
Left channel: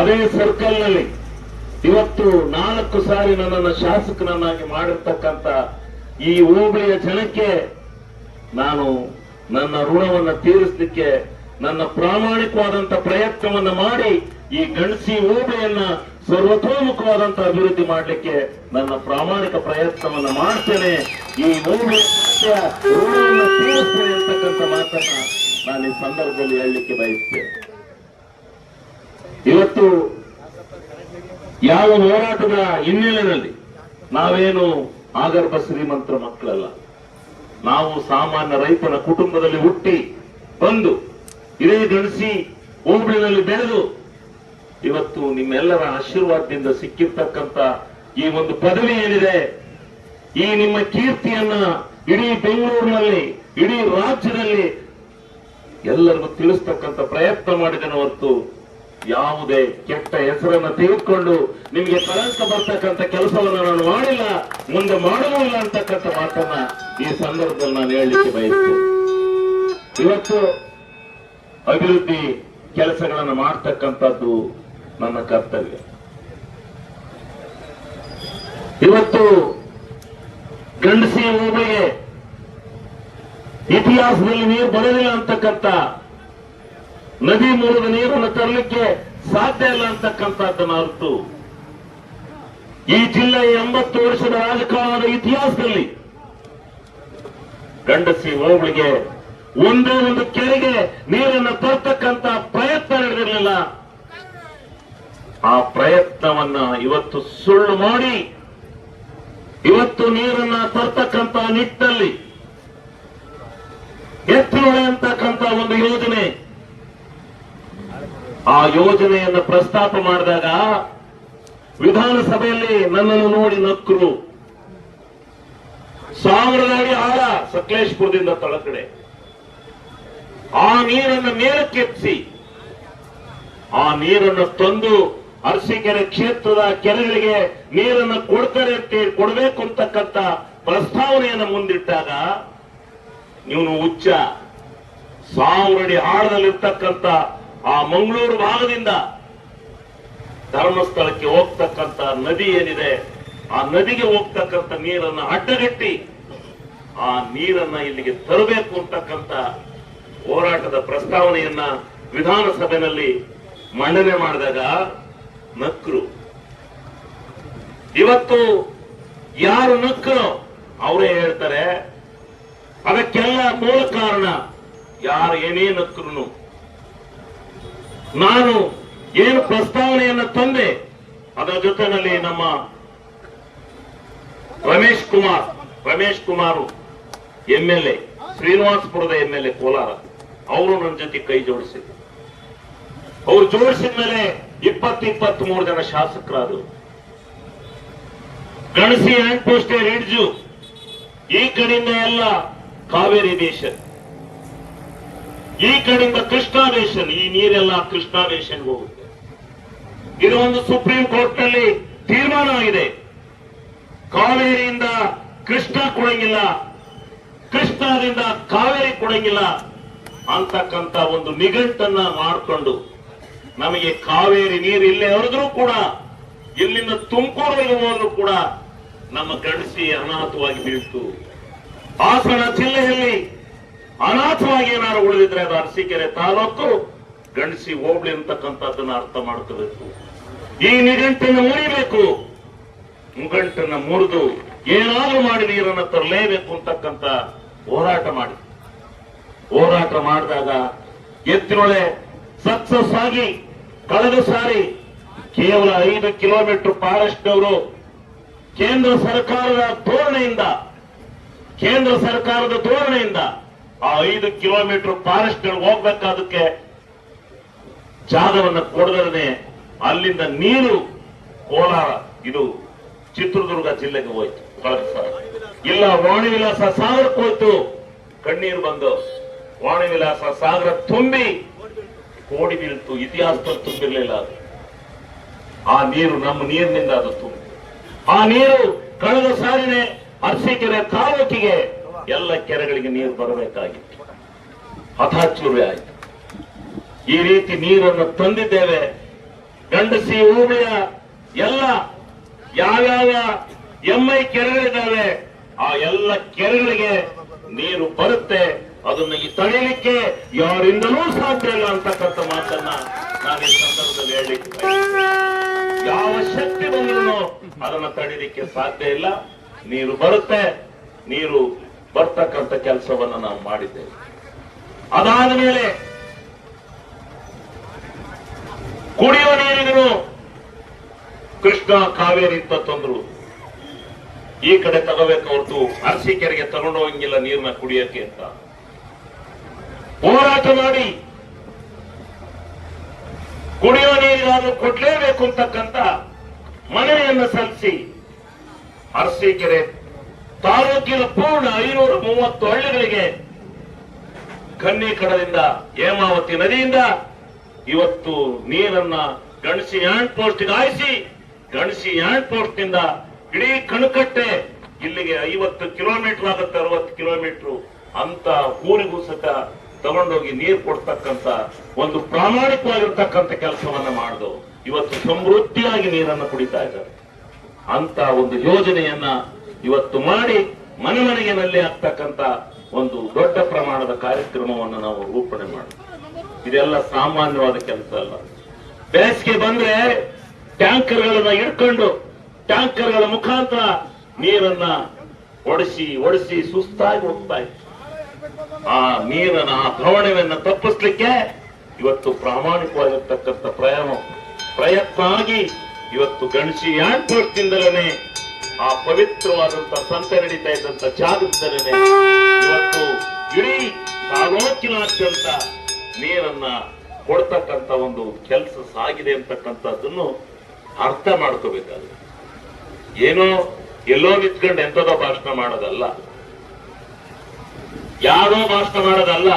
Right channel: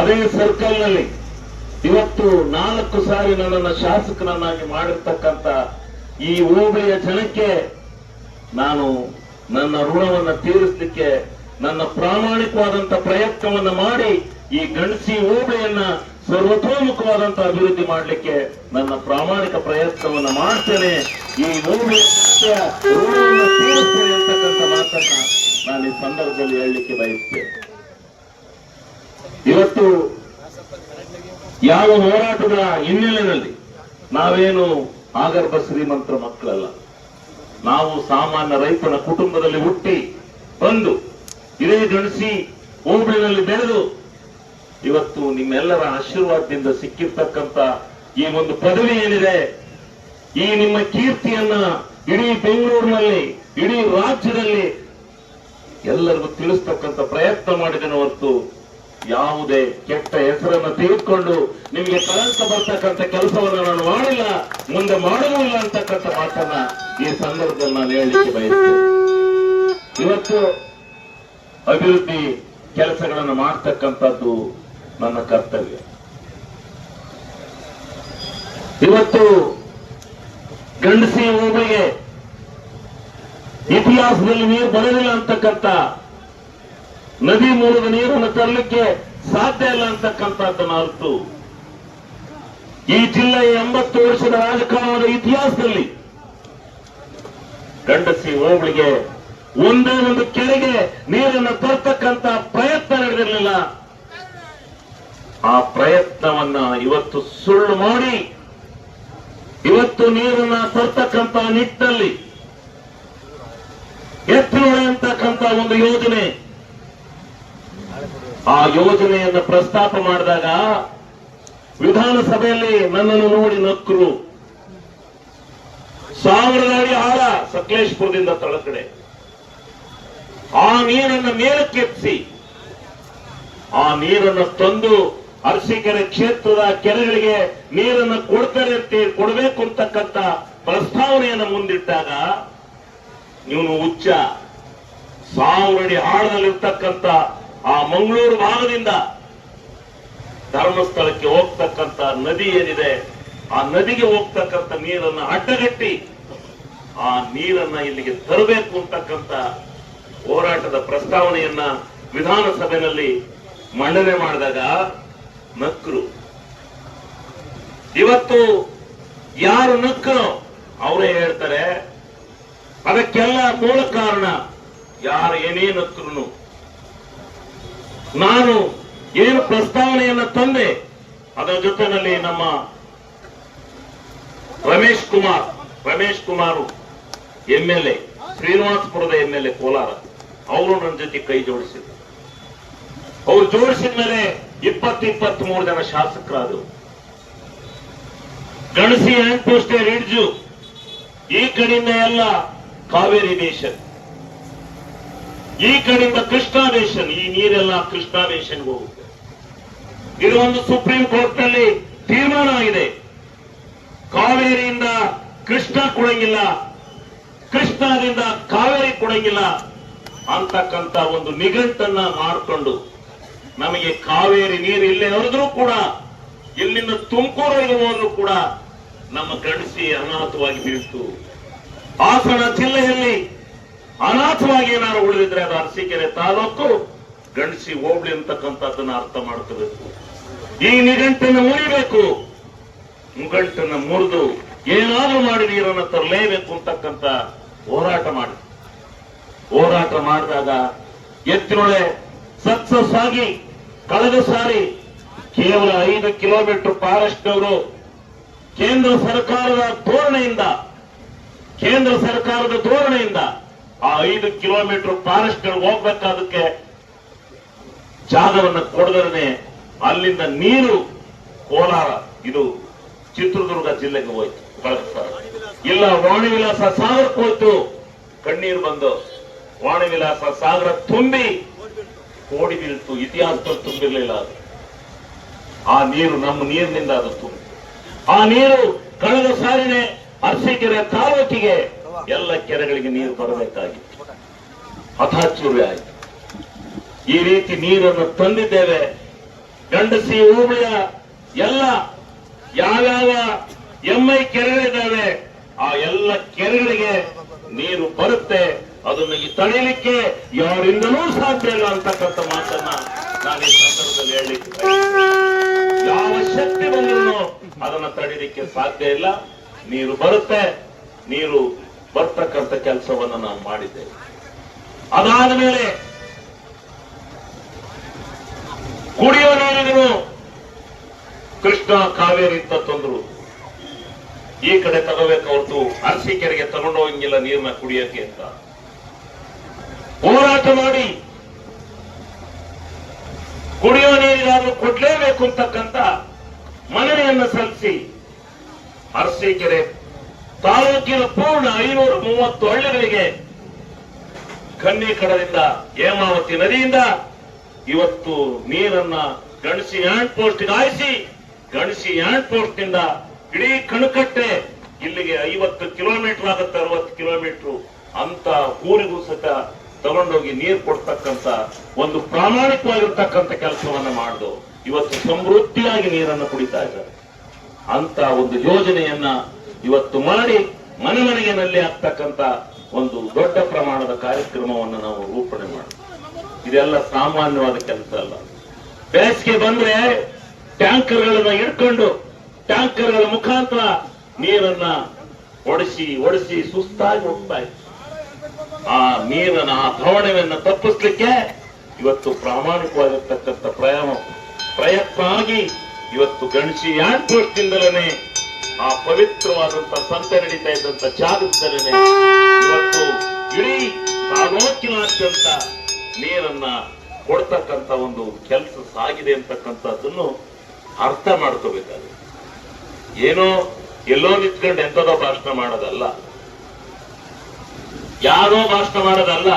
ಅದೇ ಸರ್ಕಲ್ ನಲ್ಲಿ ಇವತ್ತು 4 ಸಾರಿ ನನ್ನನ್ನು ಶಾಸಕರನ್ನಾಗಿ ಮಾಡಿರ್ತಕ್ಕಂಥ ಈ ಹೋಬಳಿಯ ಜನಕ್ಕೆ ನಾನು ನನ್ನ ಋಣವನ್ನು ತೀರಿಸಲಿಕ್ಕೆ ನನ್ನ ಪ್ರಾಮಾಣಿಕವಾದಂತಹ ಪ್ರಯತ್ನವನ್ನ ಮಾಡಿ ಈ ಗಣಸಿ ಹೋಬಳಿಯನ್ನ ಸರ್ವತೋಮುಖವಾದಂತ ಅಭಿವೃದ್ಧಿ ಮಾಡಲಿಕ್ಕೆ ನನ್ನ ಪ್ರಾಮಾಣಿಕ ಪ್ರಯತ್ನವನ್ನ ಮಾಡ್ತೇನೆ. ಈ ಹೋಬಳಿಯ ಋಣವನ್ನು ತೀರಿಸ್ತೇನೆ ಅಂತಕ್ಕಂಥ ಮಾತನ್ನ ನಾನು ಈ ಸಂದರ್ಭದಲ್ಲಿ ಹೇಳಲಿಕ್ಕೆ ಬಯಸ್ತೇನೆ. ಇವತ್ತು ಯಾವ ಹೋರಾಟದ ಹಿನ್ನೆಲೆಯಲ್ಲಿ ನಾವೇನು ಆಗರ್ಭ ಶ್ರೀಮಂತರ ಮಕ್ಕಳಲ್ಲ, ನಾವು ಸಾಮಾನ್ಯ ರೈತನ ಕುಟುಂಬದಲ್ಲಿ ಹುಟ್ಟಿ ಬಂದು ಇದೇ ಗಣಸಿ ಹೋಬಳಿನಲ್ಲಿ ಬೆಳೆದು ಇವತ್ತು ನಿಮ್ಮೆಲ್ಲರ ಆಶೀರ್ವಾದದಿಂದ ಸಿಕ್ಕಿರ್ತಕ್ಕಂಥ ಈ ಒಂದು ಪದವಿ ಏನಿದೆ, ಈ ನಿಮ್ಮ ಕೀರ್ತಿಯನ್ನ ಇಡೀ ಬೆಂಗಳೂರಿನಲ್ಲಿ, ಇಡೀ ರಾಜ್ಯದಲ್ಲಿ ಎಲ್ಲರಿಗೂ ತಿಳಿಸ್ತಕ್ಕಂಥ ಪ್ರಯತ್ನ ಮಾಡಿದ್ದೇನೆ ಹೊರತು ಯಾವುದೇ ಕೆಟ್ಟ ಹೆಸರನ್ನು ತೆಗೆದುಕೊಂಡು ನಿಮಗೆ ಕಳಂಕ ಬರ್ತಕ್ಕಂಥ ಕೆಲಸವನ್ನು ನಾನು ಮಾಡಿಲ್ಲ, ಮುಂದೆ ಮಾಡಲೂ ಇಲ್ಲ ಅಂತಕ್ಕಂಥ ಮಾತನ್ನ ಈ ಸಂದರ್ಭದಲ್ಲಿ ನಾನು ಹೇಳಲಿಕ್ಕೆ ಬಯಸ್ತೇನೆ. ಇವತ್ತು ಅಭಿವೃದ್ಧಿ ಕೆಲಸಗಳನ್ನು ಮಾಡ್ತಕ್ಕಂಥದ್ದು ನನ್ನ ಕರ್ತವ್ಯ. ಇವತ್ತು ಗಂಡಸಿ ಹೋಬಳಿಗೆ ಇತಿಹಾಸದಲ್ಲಿ ನೀರು ಬರಲಿಲ್ಲ ಅಂತಕ್ಕಂಥ, ನದಿ ಮೂಲದ ನೀರನ್ನು ತರಲಿಕ್ಕೆ ಸಾಧ್ಯ ಇಲ್ಲ ಅಂತಕ್ಕಂಥದ್ದನ್ನು ಅರ್ಥ ಈ ಜಿಲ್ಲೆಯ 80 ವರ್ಷದ ರಾಜಕಾರಣದ ಇತಿಹಾಸದಲ್ಲಿ ಗಂಡಸಿ ಹೋಬಳಿಗೆ ಒಂದೇ ಒಂದು ಕೆರೆಗೆ ನೀರನ್ನು ತರ್ತಕ್ಕಂತ ಪ್ರಯತ್ನ ನಡೆದಿರಲಿಲ್ಲ. ಆ ಪ್ರಯತ್ನವನ್ನ ಇವತ್ತು ಸುಳ್ಳು ಮಾಡಿ ಇವತ್ತು ನೀರನ್ನ ತರ್ತಕ್ಕಂತ ನಿಟ್ಟಿನಲ್ಲಿ ಎತ್ತಿನೊಳೆ ಅಂತಕ್ಕಂತ ಒಂದು ಯೋಜನೆ, ಆ ಯೋಜನೆಯನ್ನು ಪ್ರಸ್ತಾಪ ಮಾಡಿದಾಗ ವಿಧಾನಸಭೆಯಲ್ಲಿ ನನ್ನನ್ನು ನೋಡಿ ನಕ್ಕರು. 1000 ಅಡಿ ಆಳ ಸಕಲೇಶ್ಪುರದಿಂದ ತಳಕಡೆ ಆ ನೀರನ್ನು ಮೇಲಕ್ಕೆತ್ತಿಸಿ ಆ ನೀರನ್ನು ತಂದು ಅರಸೀಕೆರೆ ಕ್ಷೇತ್ರದ ಕೆರೆಗಳಿಗೆ ನೀರನ್ನು ಕೊಡಬೇಕು ಅಂತಕ್ಕಂಥ ಪ್ರಸ್ತಾವನೆಯನ್ನು ಮುಂದಿಟ್ಟಾಗ ಇವನು ಹುಚ್ಚ 1000 ಅಡಿ ಆಳದಲ್ಲಿರ್ತಕ್ಕಂಥ ಆ ಮಂಗಳೂರು ಭಾಗದಿಂದ ಧರ್ಮಸ್ಥಳಕ್ಕೆ ಹೋಗ್ತಕ್ಕಂಥ ನದಿ ಏನಿದೆ ಆ ನದಿಗೆ ಹೋಗ್ತಕ್ಕಂಥ ನೀರನ್ನು ಅಡ್ಡಗಟ್ಟಿ ಆ ನೀರನ್ನ ಇಲ್ಲಿಗೆ ತರಬೇಕು ಅಂತಕ್ಕಂಥ ಹೋರಾಟದ ಪ್ರಸ್ತಾವನೆಯನ್ನ ವಿಧಾನಸಭೆಯಲ್ಲಿ ಮಂಡನೆ ಮಾಡಿದಾಗ ನಕ್ಕರು. ಇವತ್ತು ಯಾರು ನಕ್ಕರೋ ಅವರೇ ಹೇಳ್ತಾರೆ ಅದಕ್ಕೆಲ್ಲ ಮೂಲ ಕಾರಣ ಯಾರು ಏನೇ ನಕ್ಕರು ನಾನು ಏನು ಪ್ರಸ್ತಾವನೆಯನ್ನ ತಂದೆ ಅದರ ಜೊತೆಯಲ್ಲಿ ನಮ್ಮ ರಮೇಶ್ ಕುಮಾರ್ MLA ಶ್ರೀನಿವಾಸಪುರದ MLA ಕೋಲಾರ ಅವರು ನನ್ನ ಜೊತೆ ಕೈ ಜೋಡಿಸಿದ್ರು. ಅವರು ಜೋಡಿಸಿದ ಮೇಲೆ 23 ಜನ ಶಾಸಕರಾದರು. ಗಣಸಿ ಹ್ಯಾಂಡ್ ಪೋಸ್ಟ್ ರಿಡ್ಜು ಈ ಕಡೆಯಿಂದ ಎಲ್ಲ ಕಾವೇರಿ ಬೇಷನ್, ಈ ಕಡೆಯಿಂದ ಕೃಷ್ಣಾ ಬೇಷನ್, ಈ ನೀರೆಲ್ಲ ಕೃಷ್ಣಾ ಬೇಷನ್ಗೆ ಹೋಗುತ್ತೆ. ಇದು ಒಂದು ಸುಪ್ರೀಂ ಕೋರ್ಟ್ ನಲ್ಲಿ ತೀರ್ಮಾನ ಆಗಿದೆ. ಕಾವೇರಿಯಿಂದ ಕೃಷ್ಣ ಕೊಡಂಗಿಲ್ಲ, ಕೃಷ್ಣದಿಂದ ಕಾವೇರಿ ಕೊಡಂಗಿಲ್ಲ ಅಂತಕ್ಕಂಥ ಒಂದು ನಿಘಂಟನ್ನ ಮಾಡಿಕೊಂಡು ನಮಗೆ ಕಾವೇರಿ ನೀರು ಇಲ್ಲೇ ಹರಿದ್ರೂ ಕೂಡ ಇಲ್ಲಿಂದ ತುಮಕೂರಿಗೆ ಹೋದ್ರು ಕೂಡ ನಮ್ಮ ಗಣಸಿ ಅನಾಥವಾಗಿ ಬೀಳ್ತು. ಹಾಸನ ಜಿಲ್ಲೆಯಲ್ಲಿ ಅನಾಥವಾಗಿ ಏನಾದ್ರು ಉಳಿದಿದ್ರೆ ಅದು ಅರಸೀಕೆರೆ ತಾಲೂಕು ಗಣಸಿ ಹೋಬಳಿ ಅಂತಕ್ಕಂಥದ್ದನ್ನ ಅರ್ಥ ಮಾಡ್ಕೋಬೇಕು. ಈ ನಿಘಂಟನ್ನು ಮುರಿಬೇಕು, ನಿಘಂಟನ್ನು ಮುರಿದು ಏನಾದ್ರೂ ಮಾಡಿ ನೀರನ್ನು ತರಲೇಬೇಕು ಅಂತಕ್ಕಂಥ ಹೋರಾಟ ಮಾಡಿದಾಗ ಎತ್ತಿನೊಳೆ ಸಕ್ಸಸ್ ಆಗಿ ಕಳೆದ ಸಾರಿ ಕೇವಲ 5 ಕಿಲೋಮೀಟರ್ ಫಾರೆಸ್ಟ್ ಅವರು ಕೇಂದ್ರ ಸರ್ಕಾರದ ಧೋರಣೆಯಿಂದ ಆ 5 ಕಿಲೋಮೀಟರ್ ಫಾರೆಸ್ಟ್ ಹೋಗ್ಬೇಕಾದಕ್ಕೆ ಜಾಗವನ್ನು ಕೊಡದೇ ಅಲ್ಲಿಂದ ನೀರು ಕೋಲಾರ ಇದು ಚಿತ್ರದುರ್ಗ ಜಿಲ್ಲೆಗೆ ಹೋಯ್ತು. ಇಲ್ಲ ವಾಣಿವಿಲಾಸ ಸಾಗರಕ್ಕೆ ಹೋಯ್ತು. ಕಣ್ಣೀರು ಬಂದು ವಾಣಿವಿಲಾಸ ಸಾಗರ ತುಂಬಿ ಓಡಿ ಬೀಳ್ತು. ಇತಿಹಾಸದಲ್ಲಿ ತುಂಬಿರ್ಲಿಲ್ಲ ಅದು. ಆ ನೀರು ನಮ್ಮ ನೀರಿನಿಂದ ಅದು ತುಂಬಿ ಆ ನೀರು ಕಳೆದ ಸಾರಿನೇ ಅರಸೀಕೆರೆ ತಾಲೂಕಿಗೆ ಎಲ್ಲ ಕೆರೆಗಳಿಗೆ ನೀರು ಬರಬೇಕಾಗಿತ್ತು. ಹಠಾಚೂರಿ ಆಯಿತು. ಈ ರೀತಿ ನೀರನ್ನು ತಂದಿದ್ದೇವೆ. ಗಂಡಸಿ ಹೋಬಳಿಯ ಎಲ್ಲ ಯಾವ್ಯಾವ MI ಕೆರೆಗಳಿದ್ದಾವೆ ಆ ಎಲ್ಲ ಕೆರೆಗಳಿಗೆ ನೀರು ಬರುತ್ತೆ. ಅದನ್ನು ತಡೆಯಲಿಕ್ಕೆ ಯಾರಿಂದಲೂ ಸಾಧ್ಯ ಇಲ್ಲ ಅಂತಕ್ಕಂಥ ಮಾತನ್ನ ನಾನು ಈ ಸಂದರ್ಭದಲ್ಲಿ ಹೇಳಲಿಕ್ಕೆ ಯಾವ ಶಕ್ತಿ ಬಂದರೂ ಅದನ್ನು ತಡೆಯಲಿಕ್ಕೆ ಸಾಧ್ಯ ಇಲ್ಲ. ನೀರು ಬರುತ್ತೆ, ನೀರು ಬರ್ತಕ್ಕಂಥ ಕೆಲಸವನ್ನು ನಾವು ಮಾಡಿದ್ದೇವೆ. ಅದಾದ ಮೇಲೆ ಕುಡಿಯುವ ನೀರಿಗೂ ಕೃಷ್ಣ ಕಾವೇರಿ ಅಂತ ತಂದ್ರು. ಈ ಕಡೆ ತಗೋಬೇಕು ಹೊರತು ಅರಸೀಕೆರೆಗೆ ತಗೊಂಡು ಹೋಗಂಗಿಲ್ಲ ನೀರನ್ನ ಕುಡಿಯಕ್ಕೆ ಅಂತ ಹೋರಾಟ ಮಾಡಿ ಕುಡಿಯುವ ನೀರಿಗಾದ್ರೂ ಕೊಡ್ಲೇಬೇಕು ಅಂತಕ್ಕಂಥ ಮನವಿಯನ್ನು ಸಲ್ಲಿಸಿ ಅರಸೀಕೆರೆ ತಾಲೂಕಿನ ಪೂರ್ಣ 530 ಹಳ್ಳಿಗಳಿಗೆ ಕನ್ನಿಕಡದಿಂದ ಹೇಮಾವತಿ ನದಿಯಿಂದ ಇವತ್ತು ನೀರನ್ನ ಗಣಸಿ ಹ್ಯಾಂಡ್ ಪೋಸ್ಟ್ ಹಾಯಿಸಿ ಗಣಸಿ ಹ್ಯಾಂಡ್ ಪೋಸ್ಟ್ ನಿಂದ ಇಡೀ ಕಣಕಟ್ಟೆ ಇಲ್ಲಿಗೆ 50 ಕಿಲೋಮೀಟರ್ ಆಗುತ್ತೆ, 60 ಕಿಲೋಮೀಟರ್ ಅಂತ ಊರಿಗೂ ಸತ ತಗೊಂಡೋಗಿ ನೀರು ಕೊಡ್ತಕ್ಕಂಥ ಒಂದು ಪ್ರಾಮಾಣಿಕವಾಗಿರ್ತಕ್ಕಂಥ ಕೆಲಸವನ್ನ ಮಾಡಿದು ಇವತ್ತು ಸಮೃದ್ಧಿಯಾಗಿ ನೀರನ್ನು ಕುಡಿತಾ ಇದ್ದಾರೆ. ಅಂತ ಒಂದು ಯೋಜನೆಯನ್ನ ಇವತ್ತು ಮಾಡಿ ಮನೆಗೆ ನಲ್ಲಿ ಆಗ್ತಕ್ಕಂಥ ಒಂದು ದೊಡ್ಡ ಪ್ರಮಾಣದ ಕಾರ್ಯಕ್ರಮವನ್ನು ನಾವು ರೂಪಣೆ ಮಾಡಿದ್ವಿ. ಇದೆಲ್ಲ ಸಾಮಾನ್ಯವಾದ ಕೆಲಸ ಅಲ್ಲ. ಬೇಸಿಗೆ ಬಂದ್ರೆ ಟ್ಯಾಂಕರ್ಗಳನ್ನ ಇಟ್ಕೊಂಡು ಟ್ಯಾಂಕರ್ಗಳ ಮುಖಾಂತರ ನೀರನ್ನ ಒಡಿಸಿ ಸುಸ್ತಾಗಿ ಹೋಗ್ತಾ ಇತ್ತು. ಆ ನೀರನ್ನ ಆ ಪ್ರವಣೆಯನ್ನು ತಪ್ಪಿಸ್ಲಿಕ್ಕೆ ಇವತ್ತು ಪ್ರಾಮಾಣಿಕವಾಗಿರ್ತಕ್ಕಂಥ ಪ್ರಯತ್ನ ಆಗಿ ಇವತ್ತು ಗಣಸಿ ಹ್ಯಾಂಡ್ ಪೋಸ್ಟ್ ಇಂದಲೇ ಆ ಪವಿತ್ರವಾದಂತಹ ಸಂತೆ ನಡೀತಾ ಇದ್ದಂತ ಜಾಗದಲ್ಲೇ ಇವತ್ತು ಇಡೀ ತಾಲೂಕಿನಾದ್ಯಂತ ನೀರನ್ನ ಕೊಡ್ತಕ್ಕಂತ ಒಂದು ಕೆಲಸ ಸಾಗಿದೆ ಅಂತಕ್ಕಂಥದ್ದನ್ನು ಅರ್ಥ ಮಾಡ್ಕೋಬೇಕಾದ್ರೆ ಏನೋ ಎಲ್ಲೋ ನಿಂತ್ಕೊಂಡು ಎಂಥದೋ ಭಾಷಣ ಮಾಡೋದಲ್ಲ, ಯಾರೋ ಭಾಷಣ ಮಾಡೋದಲ್ಲ.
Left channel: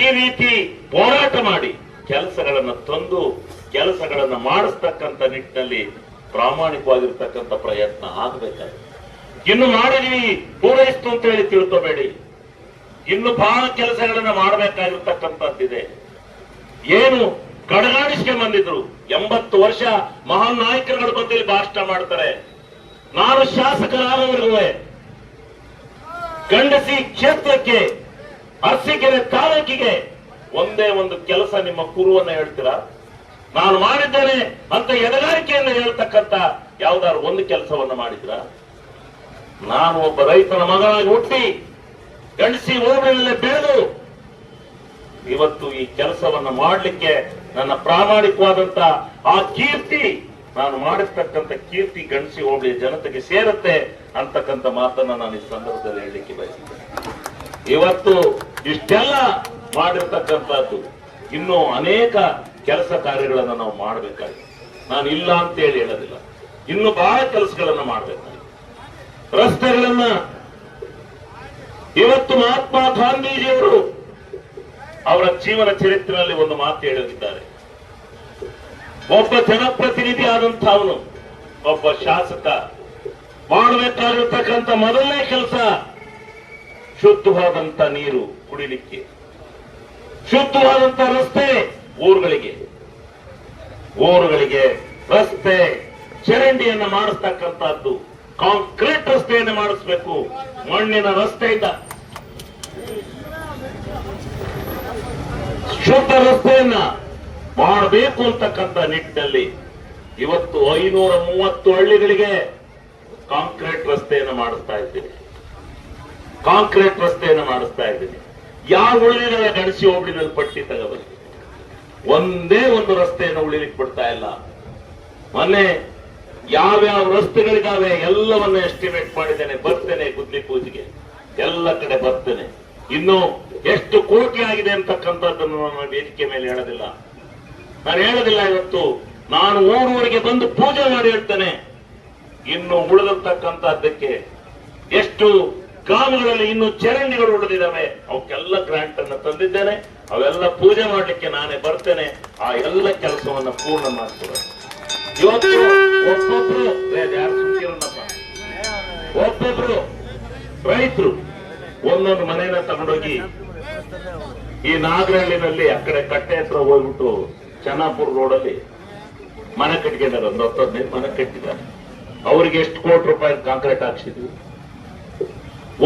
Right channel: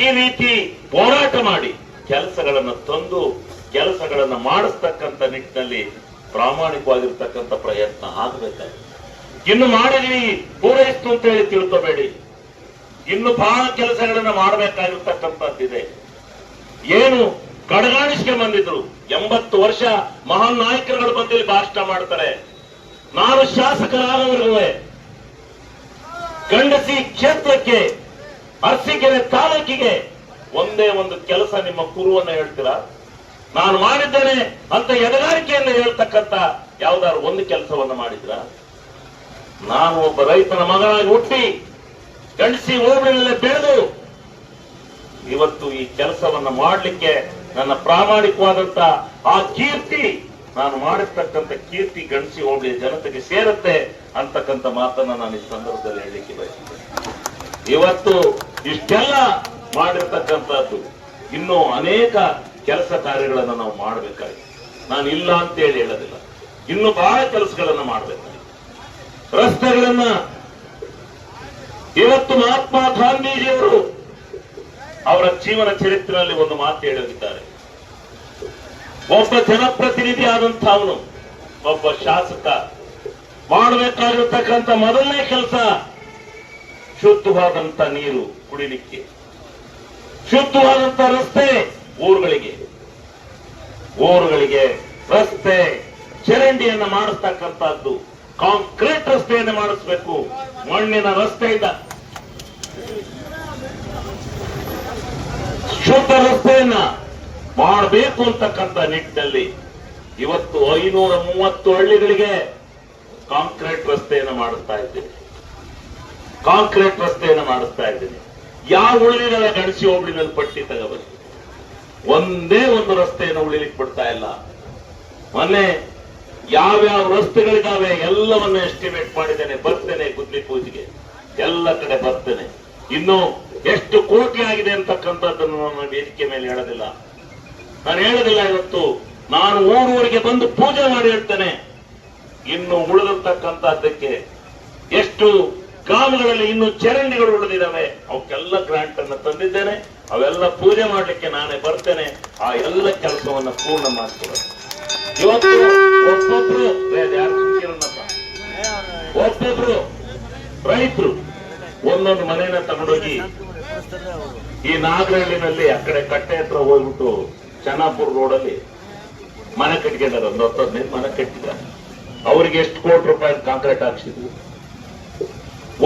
ಈ ರೀತಿ ಹೋರಾಟ ಮಾಡಿ ಕೆಲಸಗಳನ್ನು ತಂದು ಕೆಲಸಗಳನ್ನು ಮಾಡಿಸ್ತಕ್ಕಂಥ ನಿಟ್ಟಿನಲ್ಲಿ ಪ್ರಾಮಾಣಿಕವಾಗಿರ್ತಕ್ಕಂಥ ಪ್ರಯತ್ನ ಆಗಬೇಕಾಗಿದೆ. ಇನ್ನು ಮಾಡಿದ್ವಿ ಪೂರೈಸ್ತು ಅಂತ ಹೇಳಿ ತಿಳ್ಕೋಬೇಡಿ. ಇನ್ನು ಬಹಳ ಕೆಲಸಗಳನ್ನ ಮಾಡಬೇಕಾಗಿರ್ತಕ್ಕಂಥದ್ದಿದೆ. ಏನು ಕಡಗಾಡಿಸ್ಕೆ ಬಂದಿದ್ರು 80 ವರ್ಷ ಮಹಾನ್ ನಾಯಕರುಗಳು ಬಂದು ಭಾಷಣ ಮಾಡ್ತಾರೆ. ನಾನು ಶಾಸಕರಾದವರೆಗೂ ಗಂಡಸಿ ಕ್ಷೇತ್ರಕ್ಕೆ ಅರಸೀಕೆರೆ ತಾಲೂಕಿಗೆ ಒಂದೇ ಒಂದು ಕೆಲಸ ನಿಮ್ಮ ಕುರುವನ್ನ ಹೇಳ್ತೀರಾ? ನಾನು ಮಾಡಿದ್ದೇನೆ ಅಂತ ಎಡಗಾರಿಕೆಯನ್ನು ಹೇಳ್ತಕ್ಕಂಥ ಯಾವ್ದಾದ್ರು ಒಂದು ಕೆಲಸವನ್ನ ಮಾಡಿದ್ರ? ನಾನು ಒಬ್ಬ ರೈತನ ಮಗನಾಗಿ ಹುಟ್ಟಿ ಗಂಡಸಿ ಹೋಬಳಿನಲ್ಲೇ ಬೆಳೆದು ಇವತ್ತು ಈ ಕೆಲಸವನ್ನ ಮಾಡಲಿಕ್ಕೆ ನನ್ನ ಪ್ರಾಮಾಣಿಕವಾದಂತ ಆ ಕೀರ್ತಿ, ನಾನು ಮಾಡಿರ್ತಕ್ಕಂಥ ಕೀರ್ತಿ ಗಂಡಸಿ ಹೋಬಳಿಯ ಜನತೆಗೆ ಸೇರುತ್ತೆ ಅಂತಕ್ಕಂಥ ಮಾತನ್ನ ನಾನು ಈ ಸಂದರ್ಭದಲ್ಲಿ ಹೇಳಲಿಕ್ಕೆ ಬಯಸಿದ್ದೇನೆ. ಇವತ್ತು ಇಷ್ಟೆಲ್ಲ ಮಾಡಿರ್ತಕ್ಕಂಥದ್ದು ಇನ್ನೂ ಅನೇಕ ಕೆಲಸ ಕಾರ್ಯಗಳನ್ನು ನಾವು ಮಾಡಬೇಕಾಗಿದೆ. ನಾನು ಇಲ್ಲ ಅಂತ ಹೇಳೋದಿಲ್ಲ, ಇನ್ನು ಬಹಳ ಕೆಲಸಗಳನ್ನ ಮಾಡಬೇಕಾಗಿದೆ. ರಸ್ತೆಗಳನ್ನ ಇವತ್ತು ಮಹಾತ್ಮ ಗಾಂಧೀಜಿಯವರು ಅವರ ಜೀವನ ಚರಿತ್ರೆಯಲ್ಲಿ ಒಂದು ಮಾತು ಹೇಳಿದ್ದಾರೆ. ಒಬ್ಬ ಜನಪ್ರತಿನಿಧಿ ಆದಂತ ಅವನು, ಒಬ್ಬ ಶಾಸಕ ಮಾಡಬೇಕಾಗಿರ್ತಕ್ಕಂಥ ಮೊದಲನೇ ಕೆಲಸ ಶುದ್ಧವಾದಂತ ನೀರು ಕುಡಿಲಿಕ್ಕೆ, ಶುದ್ಧವಾದಂತ ರಸ್ತೆ ಊರುಗಳಿಗೆ ರಸ್ತೆ ಚರಂಡಿಯನ್ನು ಮಾಡಿಸ್ತಕ್ಕಂಥದ್ದು, ಕಾಂಕ್ರೀಟ್ ರಸ್ತೆಯನ್ನು ಮಾಡಿಸ್ಬೇಕು. ಮಣ್ಣಿನ ರಸ್ತೆಯಿಂದ ಶುದ್ಧ ರಸ್ತೆಯನ್ನ ಮಾಡಬೇಕು ಅಂತಕ್ಕಂಥ ನಿಟ್ಟಿನಲ್ಲಿ ಇವತ್ತು 530 ಹಳ್ಳಿಗಳಿಗೆ ಕಾಂಕ್ರೀಟ್ ರಸ್ತೆಯನ್ನು ಮಾಡಿಸ್ತಾ ಇದ್ದೀನಿ. ಯಾವ ಉಳಿದಿಲ್ಲ ಗಣಸಿ ಹೋಬಳಿನಲ್ಲಿ ಪಟ್ಟಿ ತಗೋಬನ್ನಿ, ಒಂದೇ ಒಂದು ರಸ್ತೆಯನ್ನು ಉಳಿಲಿಕ್ಕೆ ಬಿಡ್ತಾ ಇಲ್ಲ. ಮೊನ್ನೆ ಯಾವ್ಯಾವ ರಸ್ತೆಗಳಿದಾವೆ ಎಲ್ಲವನ್ನ ಎಸ್ಟಿಮೇಟ್ ಮಾಡಿದ್ದೇನೆ, ಬರ್ತೇನೆ ಗುದ್ಲಿ ಪೂಜೆಗೆ, ಎಲ್ಲ ಕಡೆ ಬರ್ತೇನೆ. ಇನ್ನು ಎಷ್ಟು ಕೋಟಿ ಆಗಿದೆ ಅಂತಕ್ಕಂಥದ್ದನ್ನು ನಾನು ವೇದಿಕೆ ಮೇಲೆ ಹೇಳೋದಿಲ್ಲ. ಇವತ್ತು ನಾನು ಊರೂರಿಗೆ ಬಂದು ಪೂಜೆ ಮಾಡಿ ಹೇಳ್ತೇನೆ. ಇನ್ನು ಉಳಿದಿರ್ತಕ್ಕಂಥದ್ದಕ್ಕೆ ಎಷ್ಟು ಗ್ರಾಮಗಳಲ್ಲಿ ಇನ್ನು ಚರಂಡಿಗಳು ಉಳಿದಿದ್ದಾವೆ, ಅವಕ್ಕೆಲ್ಲ ಗ್ರಾಂಟ್ ಅನ್ನು ತಂದಿದ್ದೇನೆ. ಅವೆಲ್ಲ ಪೂಜೆ ಮಾಡ್ಲಿಕ್ಕೆ ನಾನೇ ಬರ್ತೇನೆ. ಆ ಎಲ್ಲ ಕೆಲಸವನ್ನ ಪೂರ್ಣ ಮಾಡ್ತೇನೆ. ಇವತ್ತು ಒಬ್ಬೊಬ್ರು ರೈತರು ಒಂದೊಂದು ಮನೆಯನ್ನ ತಗೊಂಡೋಗಿ ಈ ನಾಗರಹಳ್ಳಿನಲ್ಲಿ ಆ ಕಡೆ ಕಟ್ಟೆ ಹತ್ರ ಹೋಗ್ಬಿಟ್ಟು ಚೆನ್ನಾಪುರ ರೋಡಲ್ಲಿ ಮನೆ ಕಟ್ಕೊಂಡಿದ್ದಾರೆ. ಒಂದು 10-15 ಮನೆ ಕಟ್ಟಿದ್ದಾರೆ. ಅವ್ರಿಗೆ ಎಷ್ಟು ಕೋಟಿ ರೂಪಾಯಿ ಕಾಂಕ್ರೀಟ್ ಹಾಕ್ಸಿದ್ವಿ.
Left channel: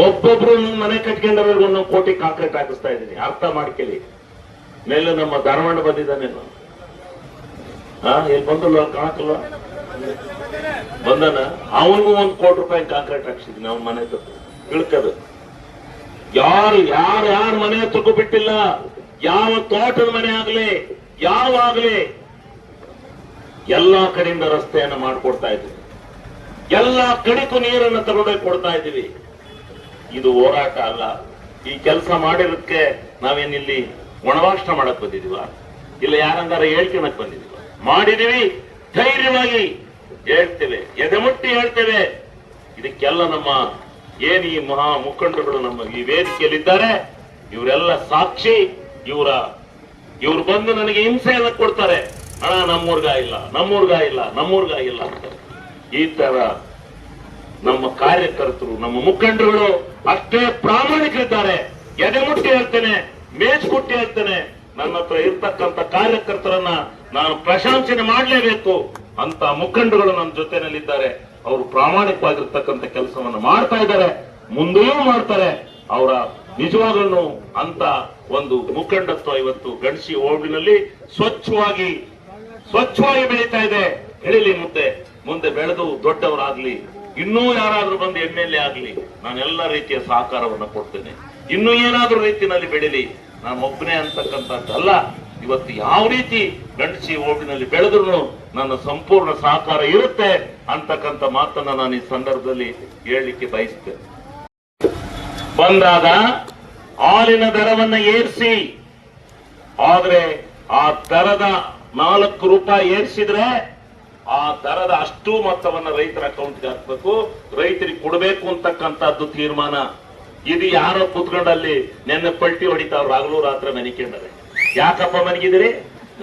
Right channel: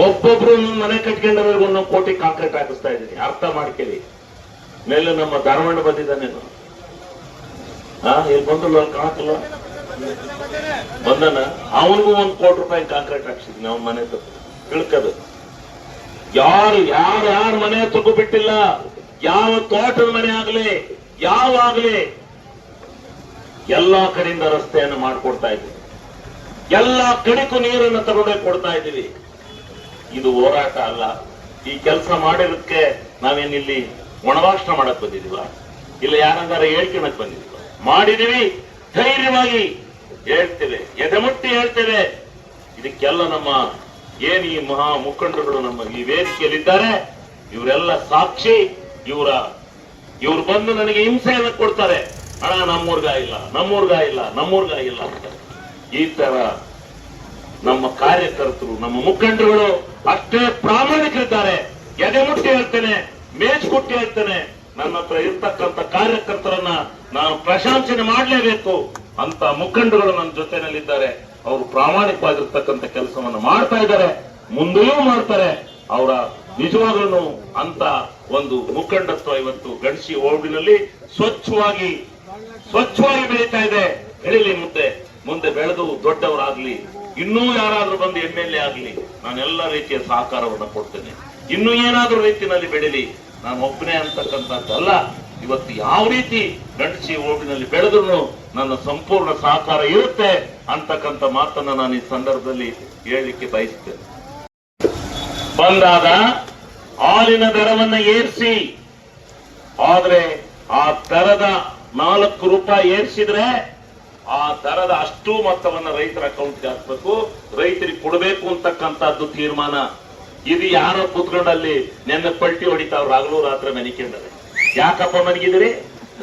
ಒಬ್ಬೊಬ್ರು ಮನೆ ಕಟ್ಕೊಂಡವ್ರಿಗೆ 1 ಕೋಟಿ ಕಾಂಕ್ರೀಟ್ ಹಾಕಿಸ್ತಾ ಇದ್ದೀನಿ. ಅರ್ಥ ಮಾಡ್ಕೊಳ್ಳಿ. ಮೇಲೆ ನಮ್ಮ ಧಾರವಾಡ ಬಂದಿದ್ದಾನೆ, ಏನ್ ಬಂದಲ್ಲ ಕಾಣಕಲ್ಲ ಬಂದನ, ಅವನಿಗೂ 1 ಕೋಟಿ ರೂಪಾಯಿ ಕಾಂಕ್ರೀಟ್ ಹಾಕ್ಸಿದ್ವಿ ನಾವು ಮನೆ ತಿಳ್ಕದು. ಯಾರು ಮನೆ ಹತ್ರಕ್ಕೂ ಬಿಟ್ಟಿಲ್ಲ. ಯಾವ ತೋಟದ ಮನೆ ಆಗ್ಲಿ ಯಾವಾಗ್ಲಿ ಎಲ್ಲಾ ಕಡೆಯಿಂದ ರಸ್ತೆಯನ್ನು ಮಾಡಿಕೊಡ್ತಾ ಇದ್ದೀವಿ. ಎಲ್ಲಾ ಕಡೆಗೂ ನೀರನ್ನು ತಗೊಂಡೋಗಿ ಕೊಡ್ತಾ ಇದ್ದೀವಿ. ಇದು ಹೋರಾಟ ಅಲ್ಲ. ಈ ಕೆಲಸ ಮಾಡಿರೋದಕ್ಕೆ ನಾವೇನಿಲ್ಲಿ ಒಣಭಾಷಣ ಮಾಡಕ್ ಬಂದಿದೀವ, ಇಲ್ಲ ಯಾರಂಗಾರ ಹೇಳ್ಕೊಳಕ್ ಬಂದಿದೀವಿ. ಮಾಡಿದೀವಿ, ಧೈರ್ಯವಾಗಿ ಹೇಳ್ತೇವೆ, ಎದೆಮುಟ್ಟಿ ಹೇಳ್ತೇವೆ. ಇದಕ್ಕೆಲ್ಲ ನಮ್ಮ ಏನು ಈ ಮಹಾ ಮುಖಂಡರುಗಳು ನಮ್ಮ ಈ ವೇದಿಕೆಯಲ್ಲಿದ್ದಾರೆ, ಇವರೆಲ್ಲ ಸಾಕ್ಷಿ. ಇವ್ರು ಬಂದು ನನಗೆ ಹಿಂಸೆಯನ್ನು ಕೊಡ್ತಾರೆ. ಹಣ ನಮ್ಮೂರ್ಗ ಇಲ್ಲ ಅಂತ. ಈ ತರ ನಮ್ಮ ಕಾರ್ಯಕರ್ತರು, ನಮ್ಮ ಮುಖಂಡರುಗಳು ಅಷ್ಟೇ ಪ್ರಾಮಾಣಿಕರಿದ್ದಾರೆ. ಎದೆಮುಟ್ಟಿ ಹೇಳ್ತೇನೆ, ಮೇಚ್ಕೊಟ್ಟಿ ಹೇಳ್ತೇನೆ. ನನ್ನ ಹತ್ರ ಇರ್ತಕ್ಕಂಥ ಕಾರ್ಯಕರ್ತರನ್ನ ನಾವು ಪ್ರಶಂಸನೆ ಮಾಡಲೇಬೇಕು ಅಂತ ಮುಖಂಡರುಗಳು ನಮ್ಮ ಜೊತೆನಲ್ಲಿದ್ದಾರೆ. ಅವರು ಪ್ರಾಮಾಣಿಕವಾಗಿರ್ತಕ್ಕಂಥ ಕೆಲಸವನ್ನು ಮಾಡ್ತಾ ಇದ್ದಾರೆ, ಮುಂದೆಯೂ ಮಾಡ್ತಾರೆ. ಅವರ ನಿಜವಾಗ್ಲೂ ಅಂತ ಒಂದು ಮುಖಂಡತ್ವ ಇವತ್ತು ಗಣಸಿ ಹೋಬಳಿನಲ್ಲಿ ಸ್ವಚ್ಛವಾಗಿ ಸ್ವಚ್ಛವಾಗಿ ಬೆಳೀತಾ ಇದೆ, ಬೆಳೀಲಿ ಮುಂದೆ ಮುಂದೆ ಬೆಳೆದು ದೊಡ್ಡವರಾಗ್ಲಿ, ಇನ್ನೂ ಯಾರಾದ್ರೂ ಬಂದು MLA ಆಗ್ಲಿ, ನಾನೆಲ್ಲ ರೀತಿಯ ಸಹಕಾರವನ್ನು ಕೊಡ್ತೇನೆ. ಇನ್ನೂ ಏನಾದ್ರೂ ರೀತಿಯಲ್ಲಿ ಬೆಳೀಲಿ, ನಾನು ಒಬ್ಬನೇ ಅಂತಕ್ಕಂಥದ್ದಲ್ಲ. ಇವತ್ತು ಯಾವ ರೀತಿ ಗಂಡಸಿ ಓಟಿನಲ್ಲಿ ಬೆಳೆದ್ರು ನನ್ನ ಸಂಪೂರ್ಣ ಸಹಕಾರ ಇರುತ್ತೆ ಅಂತಕ್ಕಂಥ ಮಾತನ್ನ ನಾನು ಈ ಸಂದರ್ಭದಲ್ಲಿ ಹೇಳಲಿಕ್ಕೆ ಬಯಸ್ತೇನೆ. ಬಂದಾಗ ಹಾಲಿನ ದರವನ್ನ ಏರಿಸಿ, ಆದ್ರೆ ಆ ದರದ 4 ರೂಪಾಯಿ ಏರಿಸಿದ್ರೆ ಆ ದರದ ಅಷ್ಟು ಮೊತ್ತವನ್ನ ರೈತರ ಅಕೌಂಟ್ಗೆ ಹಾಕ್ಬೇಕು, ರೈತರಿಗೆ ಕೊಡಬೇಕು ಅಂತಕ್ಕಂಥದ್ದು ತೀರ್ಮಾನ. ಇದು ಯಾರೋ ಕೂತ್ಕೊಂಡಲ್ಲಿ ನೆನ್ನೆ ಪಲ್ಟಿ ಹೊಡಿತಾವ್ರು ಹಗಲು ರಾತ್ರಿ ಮನಿಕೊಂಡರೆ. ಯಾಕಪ್ಪ ಮನಗಿದಿರಿ?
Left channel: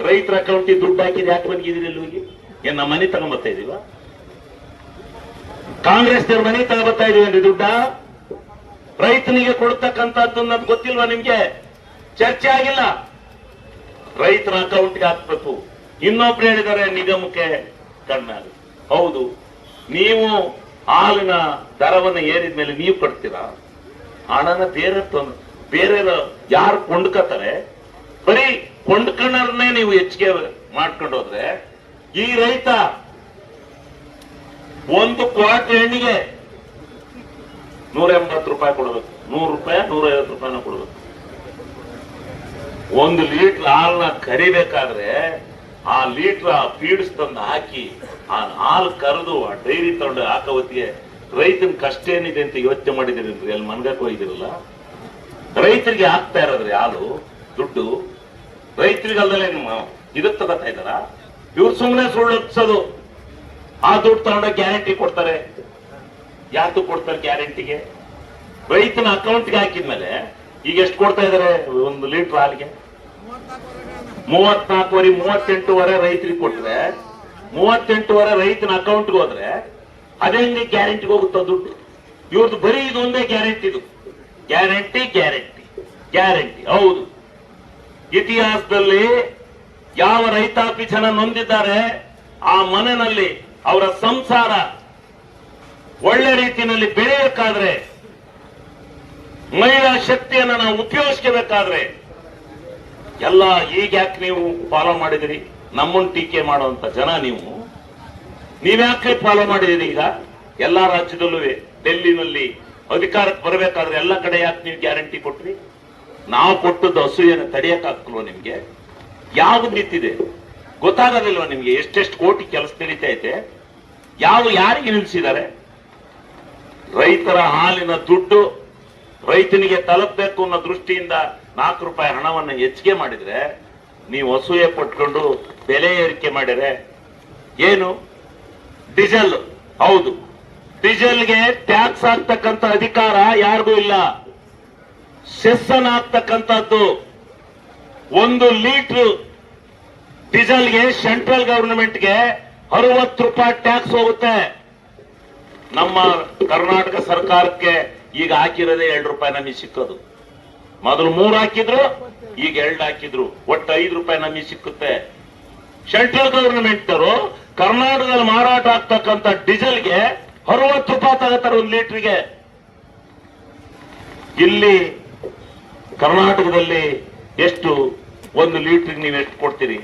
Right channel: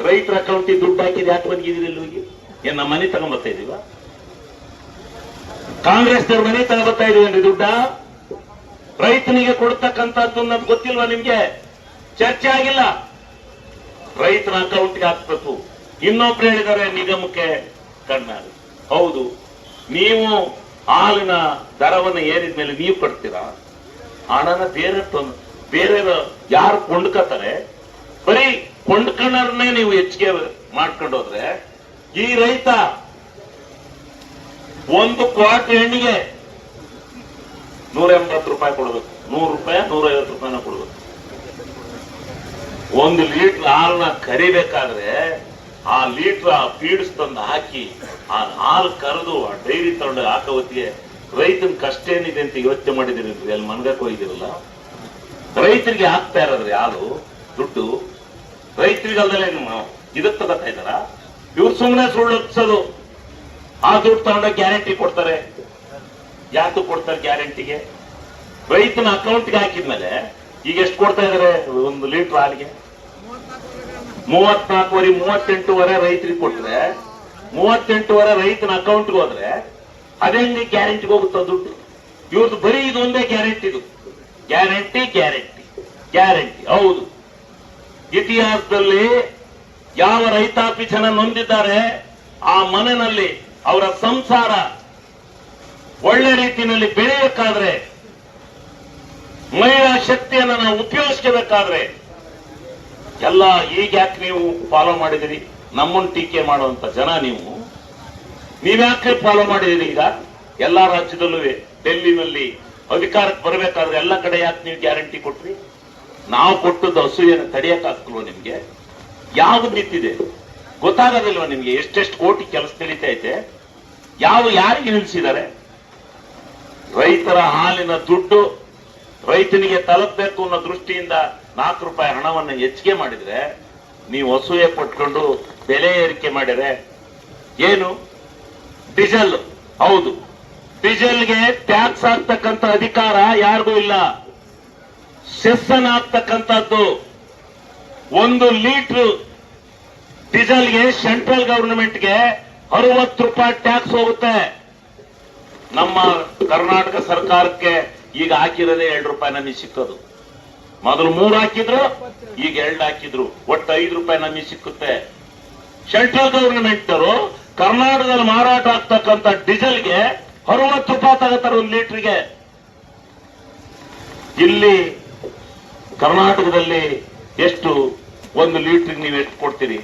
ರೈತರ ಅಕೌಂಟಿಗೆ ದುಡ್ಡು ಹಾಕಿದ್ರೆ ಯಾಕೆ ಮನಗಿದಿರಿ? ಇಲ್ಲಿಗೆ ಏನ್ ನಮ್ಮ ಮನೆ ತಗೊಂಡ್ಬರ್ತಾ ಇದೀವ? ಕಾಂಗ್ರೆಸ್ನವ್ರ ಮನೆ ತಗೊಂಡ್ಬರ್ತಾ ಇದೀವೇನ್ರಿ ದುಡ್ಡ? ರೈತನಿಗೆ ಕೊಡ್ತಕ್ಕಂಥದ್ದು ಅನ್ನೋದು ಗೊತ್ತಿಲ್ವಾ ನಿಮ್ಗೆ? ಚರ್ಚೆ ಆಗಿಲ್ಲ. ರೈತರ ಅಕೌಂಟ್ಗೆ ಹಾಕ್ಬೇಕು. ಇನ್ನೊಬ್ರು ಹೇಳಿದ್ದಾರೆ ನಿಗಮಕ್ಕೆ ಕಣ್ಣಾಗಿ. ಹೌದು, ನೀವು ಹಾಲಿನ ದರವನ್ನು ಏರಿದ್ಮೇಲೆ ನೀವು ಕಟ್ತೀರಾ? ಹಣನ ಬೇರೆ ಯಾರು ಕೊಂಡ್ಕತ್ತಾರೆ? ಬರೀ ಕೊಂಡ್ಕೊಂಡವ್ರನ್ನೇ ನೀವು ಹೆಚ್ಚಿಗೆ ಮಾಡ್ಕೊಂಡು ಹೋದ್ರೆ ಈ ರೈತ 1 ಕ್ವಾಟ್ ಎಣ್ಣೆಗೆ 180 ರೂಪಾಯಿ ಕೊಡಬೇಕು, 100 ರೂಪಾಯಿ 150 ರೂಪಾಯಿನ ಕೊಡಬೇಕು. 1 ಲೀಟರ್ ಹಾಲನ್ನ ಕರಿಬೇಕಾದ್ರೆ ಆ ಲೀಟರ್ ಫೀಡ್ಸ್ ತಂದು ಹಾಕಿ ಆ ಹಾಲು ಕರೆದು ಆ ಡೈರಿ ತಗೊಂಡು ಹಾಕೋ ಹೊತ್ತಿಗೆ ರೈತನ ಕಷ್ಟ ಏನಿದೆ ಅಂತ ಯೋಚನೆ ಮಾಡಿದಿರಿ? ಅಲ್ಲಿ ಮನ್ಗಕ್ಕೆ ಹೋಗಿದಿರಲ್ಲ. ರೈತರಿಗೆ ಹಾಕ್ತಾ ಇರೋದ್ರಿ ಹಾಲು ದುಡ್ಡು, ರೈತರಿಗೆ ಅಲ್ಲದೆ ಇದಕ್ಕೆ ತಗೋತಾ ಇದ್ದಾರ. ಇವ್ರು ಸುಮ್ಮನೆ ಸುಳ್ಳು ಹಚ್ಚೋದು. ಆ ದುಡ್ಡು ತಗೊಂಡೋಗಿ ಗ್ಯಾರಂಟಿ ಕೊಡ್ತಾರೆ. ಯಾಕೆ ಕೊಡ್ತಾರೆ ಗ್ಯಾರಂಟಿಗೆ? ರೈತನ ಅಕೌಂಟ್ಗೆ ಹಾಕಿದ್ಮೇಲೆ ಈಗ ಎಷ್ಟು ಕೊಡ್ತಾ ಇದಾರೆ? 1 ಲೀಟರ್ ಹಾಲಿಗೆ 38 ರೈತರಿಗೆ ಕೊಟ್ರೆ 38 ರೈತನ ಅಕೌಂಟ್ಗೆ ಹೋದ್ರೆ ಅದೇ ಗ್ಯಾರಂಟಿಗೆ ಹೋಗುತ್ತ ದುಡ್ಡು. ಇವ್ರದ್ದು ಬರೀ ಇದೊಂದೇ ಗ್ಯಾರಂಟಿ. ಇದು ಗ್ಯಾರಂಟಿ ಗ್ಯಾರಂಟಿ ಗ್ಯಾರಂಟಿ. ಹೌದು, ಇತಿಹಾಸದಲ್ಲಿ ಯಾವ ರೈತಾಪಿ ಜನ ನೊಂದಿದ್ದಾರೆ ಆ ಮನೆಯಲ್ಲಿ ಅವರ ಸಂಸಾರ ಒಳ್ಳೆ ರೀತಿಯಲ್ಲಿ ಬೆಳೆಯಬೇಕಾದ್ರೆ, ಮಹಿಳಾ ಶಕ್ತಿಯನ್ನು ನಾವು ಉಪಯೋಗಿಸಬೇಕಾದ್ರೆ ಎಲ್ಲ ಈಗ ಯಾಕೆ ನೀವು ಫಾಲೋ ಮಾಡಿದಿರಿ? ನಮ್ಮನ್ನು ಟೀಕೆ ಮಾಡುವಂತ ಜನ ನೀವ್ಯಾಕೆ ಫಾಲೋ ಮಾಡಿದಿರಿ? ಈಗ ಎಲ್ಲಾ ರಾಜ್ಯದಲ್ಲೂ ಡೆಲ್ಲಿನಲ್ಲಿ ಅಧಿಕಾರಕ್ಕೆ ಬರಬೇಕಾದ್ರೆ ಎಲ್ಲ ಕಡೆ ಯಾಕೆ ನೀವು ಗ್ಯಾರಂಟಿ ಕೊಟ್ರಿ? ನಾವು ಕೊಟ್ಟದ್ದು ಅಸೂಯೆಯನ್ನು ತಡೆಯಕ್ಕಾಗ್ತಲ್ವ ನಿಮ್ಗೆ? ಯಾವ್ದು ನಿಂತಿದೆ ಗೊತ್ತಾಗೋದಿಲ್ವ ನಿಮ್ಗೆ? ಎಷ್ಟೆಷ್ಟು ಕೋಟಿ ಕೆಲಸ ನಡೀತಾ ಐತೆ, ಯಾರಿಗೆ ನಿಲ್ಲಿಸಿದ್ದಾರೆ? ರೈತರ ಹಾಲಿನ ದುಡ್ಡು ರೈತನಿಗೆ ತಲುಪಬೇಕು ಅನ್ನೋ ದೃಷ್ಟಿಯಿಂದ 4 ರೂಪಾಯಿ ಹಣವನ್ನು ಹೆಚ್ಚಿಗೆ ಮಾಡಿದ್ರೆ ನೀವು ಅಸೂಯೆ ಪಟ್ಕೊಂಡು ಬೆಲೆ ಏರಿಕೆ ಮಾಡಿದ್ರೆ ಏನು? ಡೀಸೆಲ್, ಹೌದು, ಡೀಸೆಲ್ಗೆ ಟ್ಯಾಕ್ಸ್ ಹಾಕ್ತಕ್ಕಂಥ ಅಧಿಕಾರ ಯಾರಿಗೂ ಇಲ್ಲ. ಸೆಸ್ ಅನ್ನು ಹಾಕ್ತಕ್ಕಂಥದ್ದು 1 ಲೀಟರ್ ಡೀಸೆಲ್ಗೆ ಸೆಂಟ್ರಲ್ ಗವರ್ನಮೆಂಟ್ಗೆ 60 ರೂಪಾಯಿ ಟ್ಯಾಕ್ಸ್ ಹೋಗುತ್ತೆ. ನಮ್ಮ ಕರ್ನಾಟಕ ಸರ್ಕಾರಕ್ಕೆ ಈಗ ಹಾಕಿರೋದೇ 2 ರೂಪಾಯಿ ನಮಗೆ ಸಿಕ್ಕೋದು. ಮೊದಲು 3 ಹಾಕಿದ್ರು, ಈಗ 2 ಹಾಕಿದ್ರು, ಒಟ್ಟು 5 ರೂಪಾಯಿ ನಮಗೆ ಸಿಕ್ಕುತ್ತೆ. ಸೆಂಟ್ರಲ್ ಗವರ್ನಮೆಂಟ್ ಅವರು ಕರ್ನಾಟಕದಲ್ಲಿ ಮಾರಾಟ ಆಗ್ತಕ್ಕಂಥ ಡೀಸೆಲ್ಗೆ 60 ರೂಪಾಯಿ ತಗೋತಾರೆ 1 ಲೀಟರ್ಗೆ. ಇಲ್ಲಿ ಕರ್ನಾಟಕದಲ್ಲಿ ಎಷ್ಟು 1 ಲೀಟರ್ ನೀವು ಎಷ್ಟು ಕೊಡ್ತೀರಿ?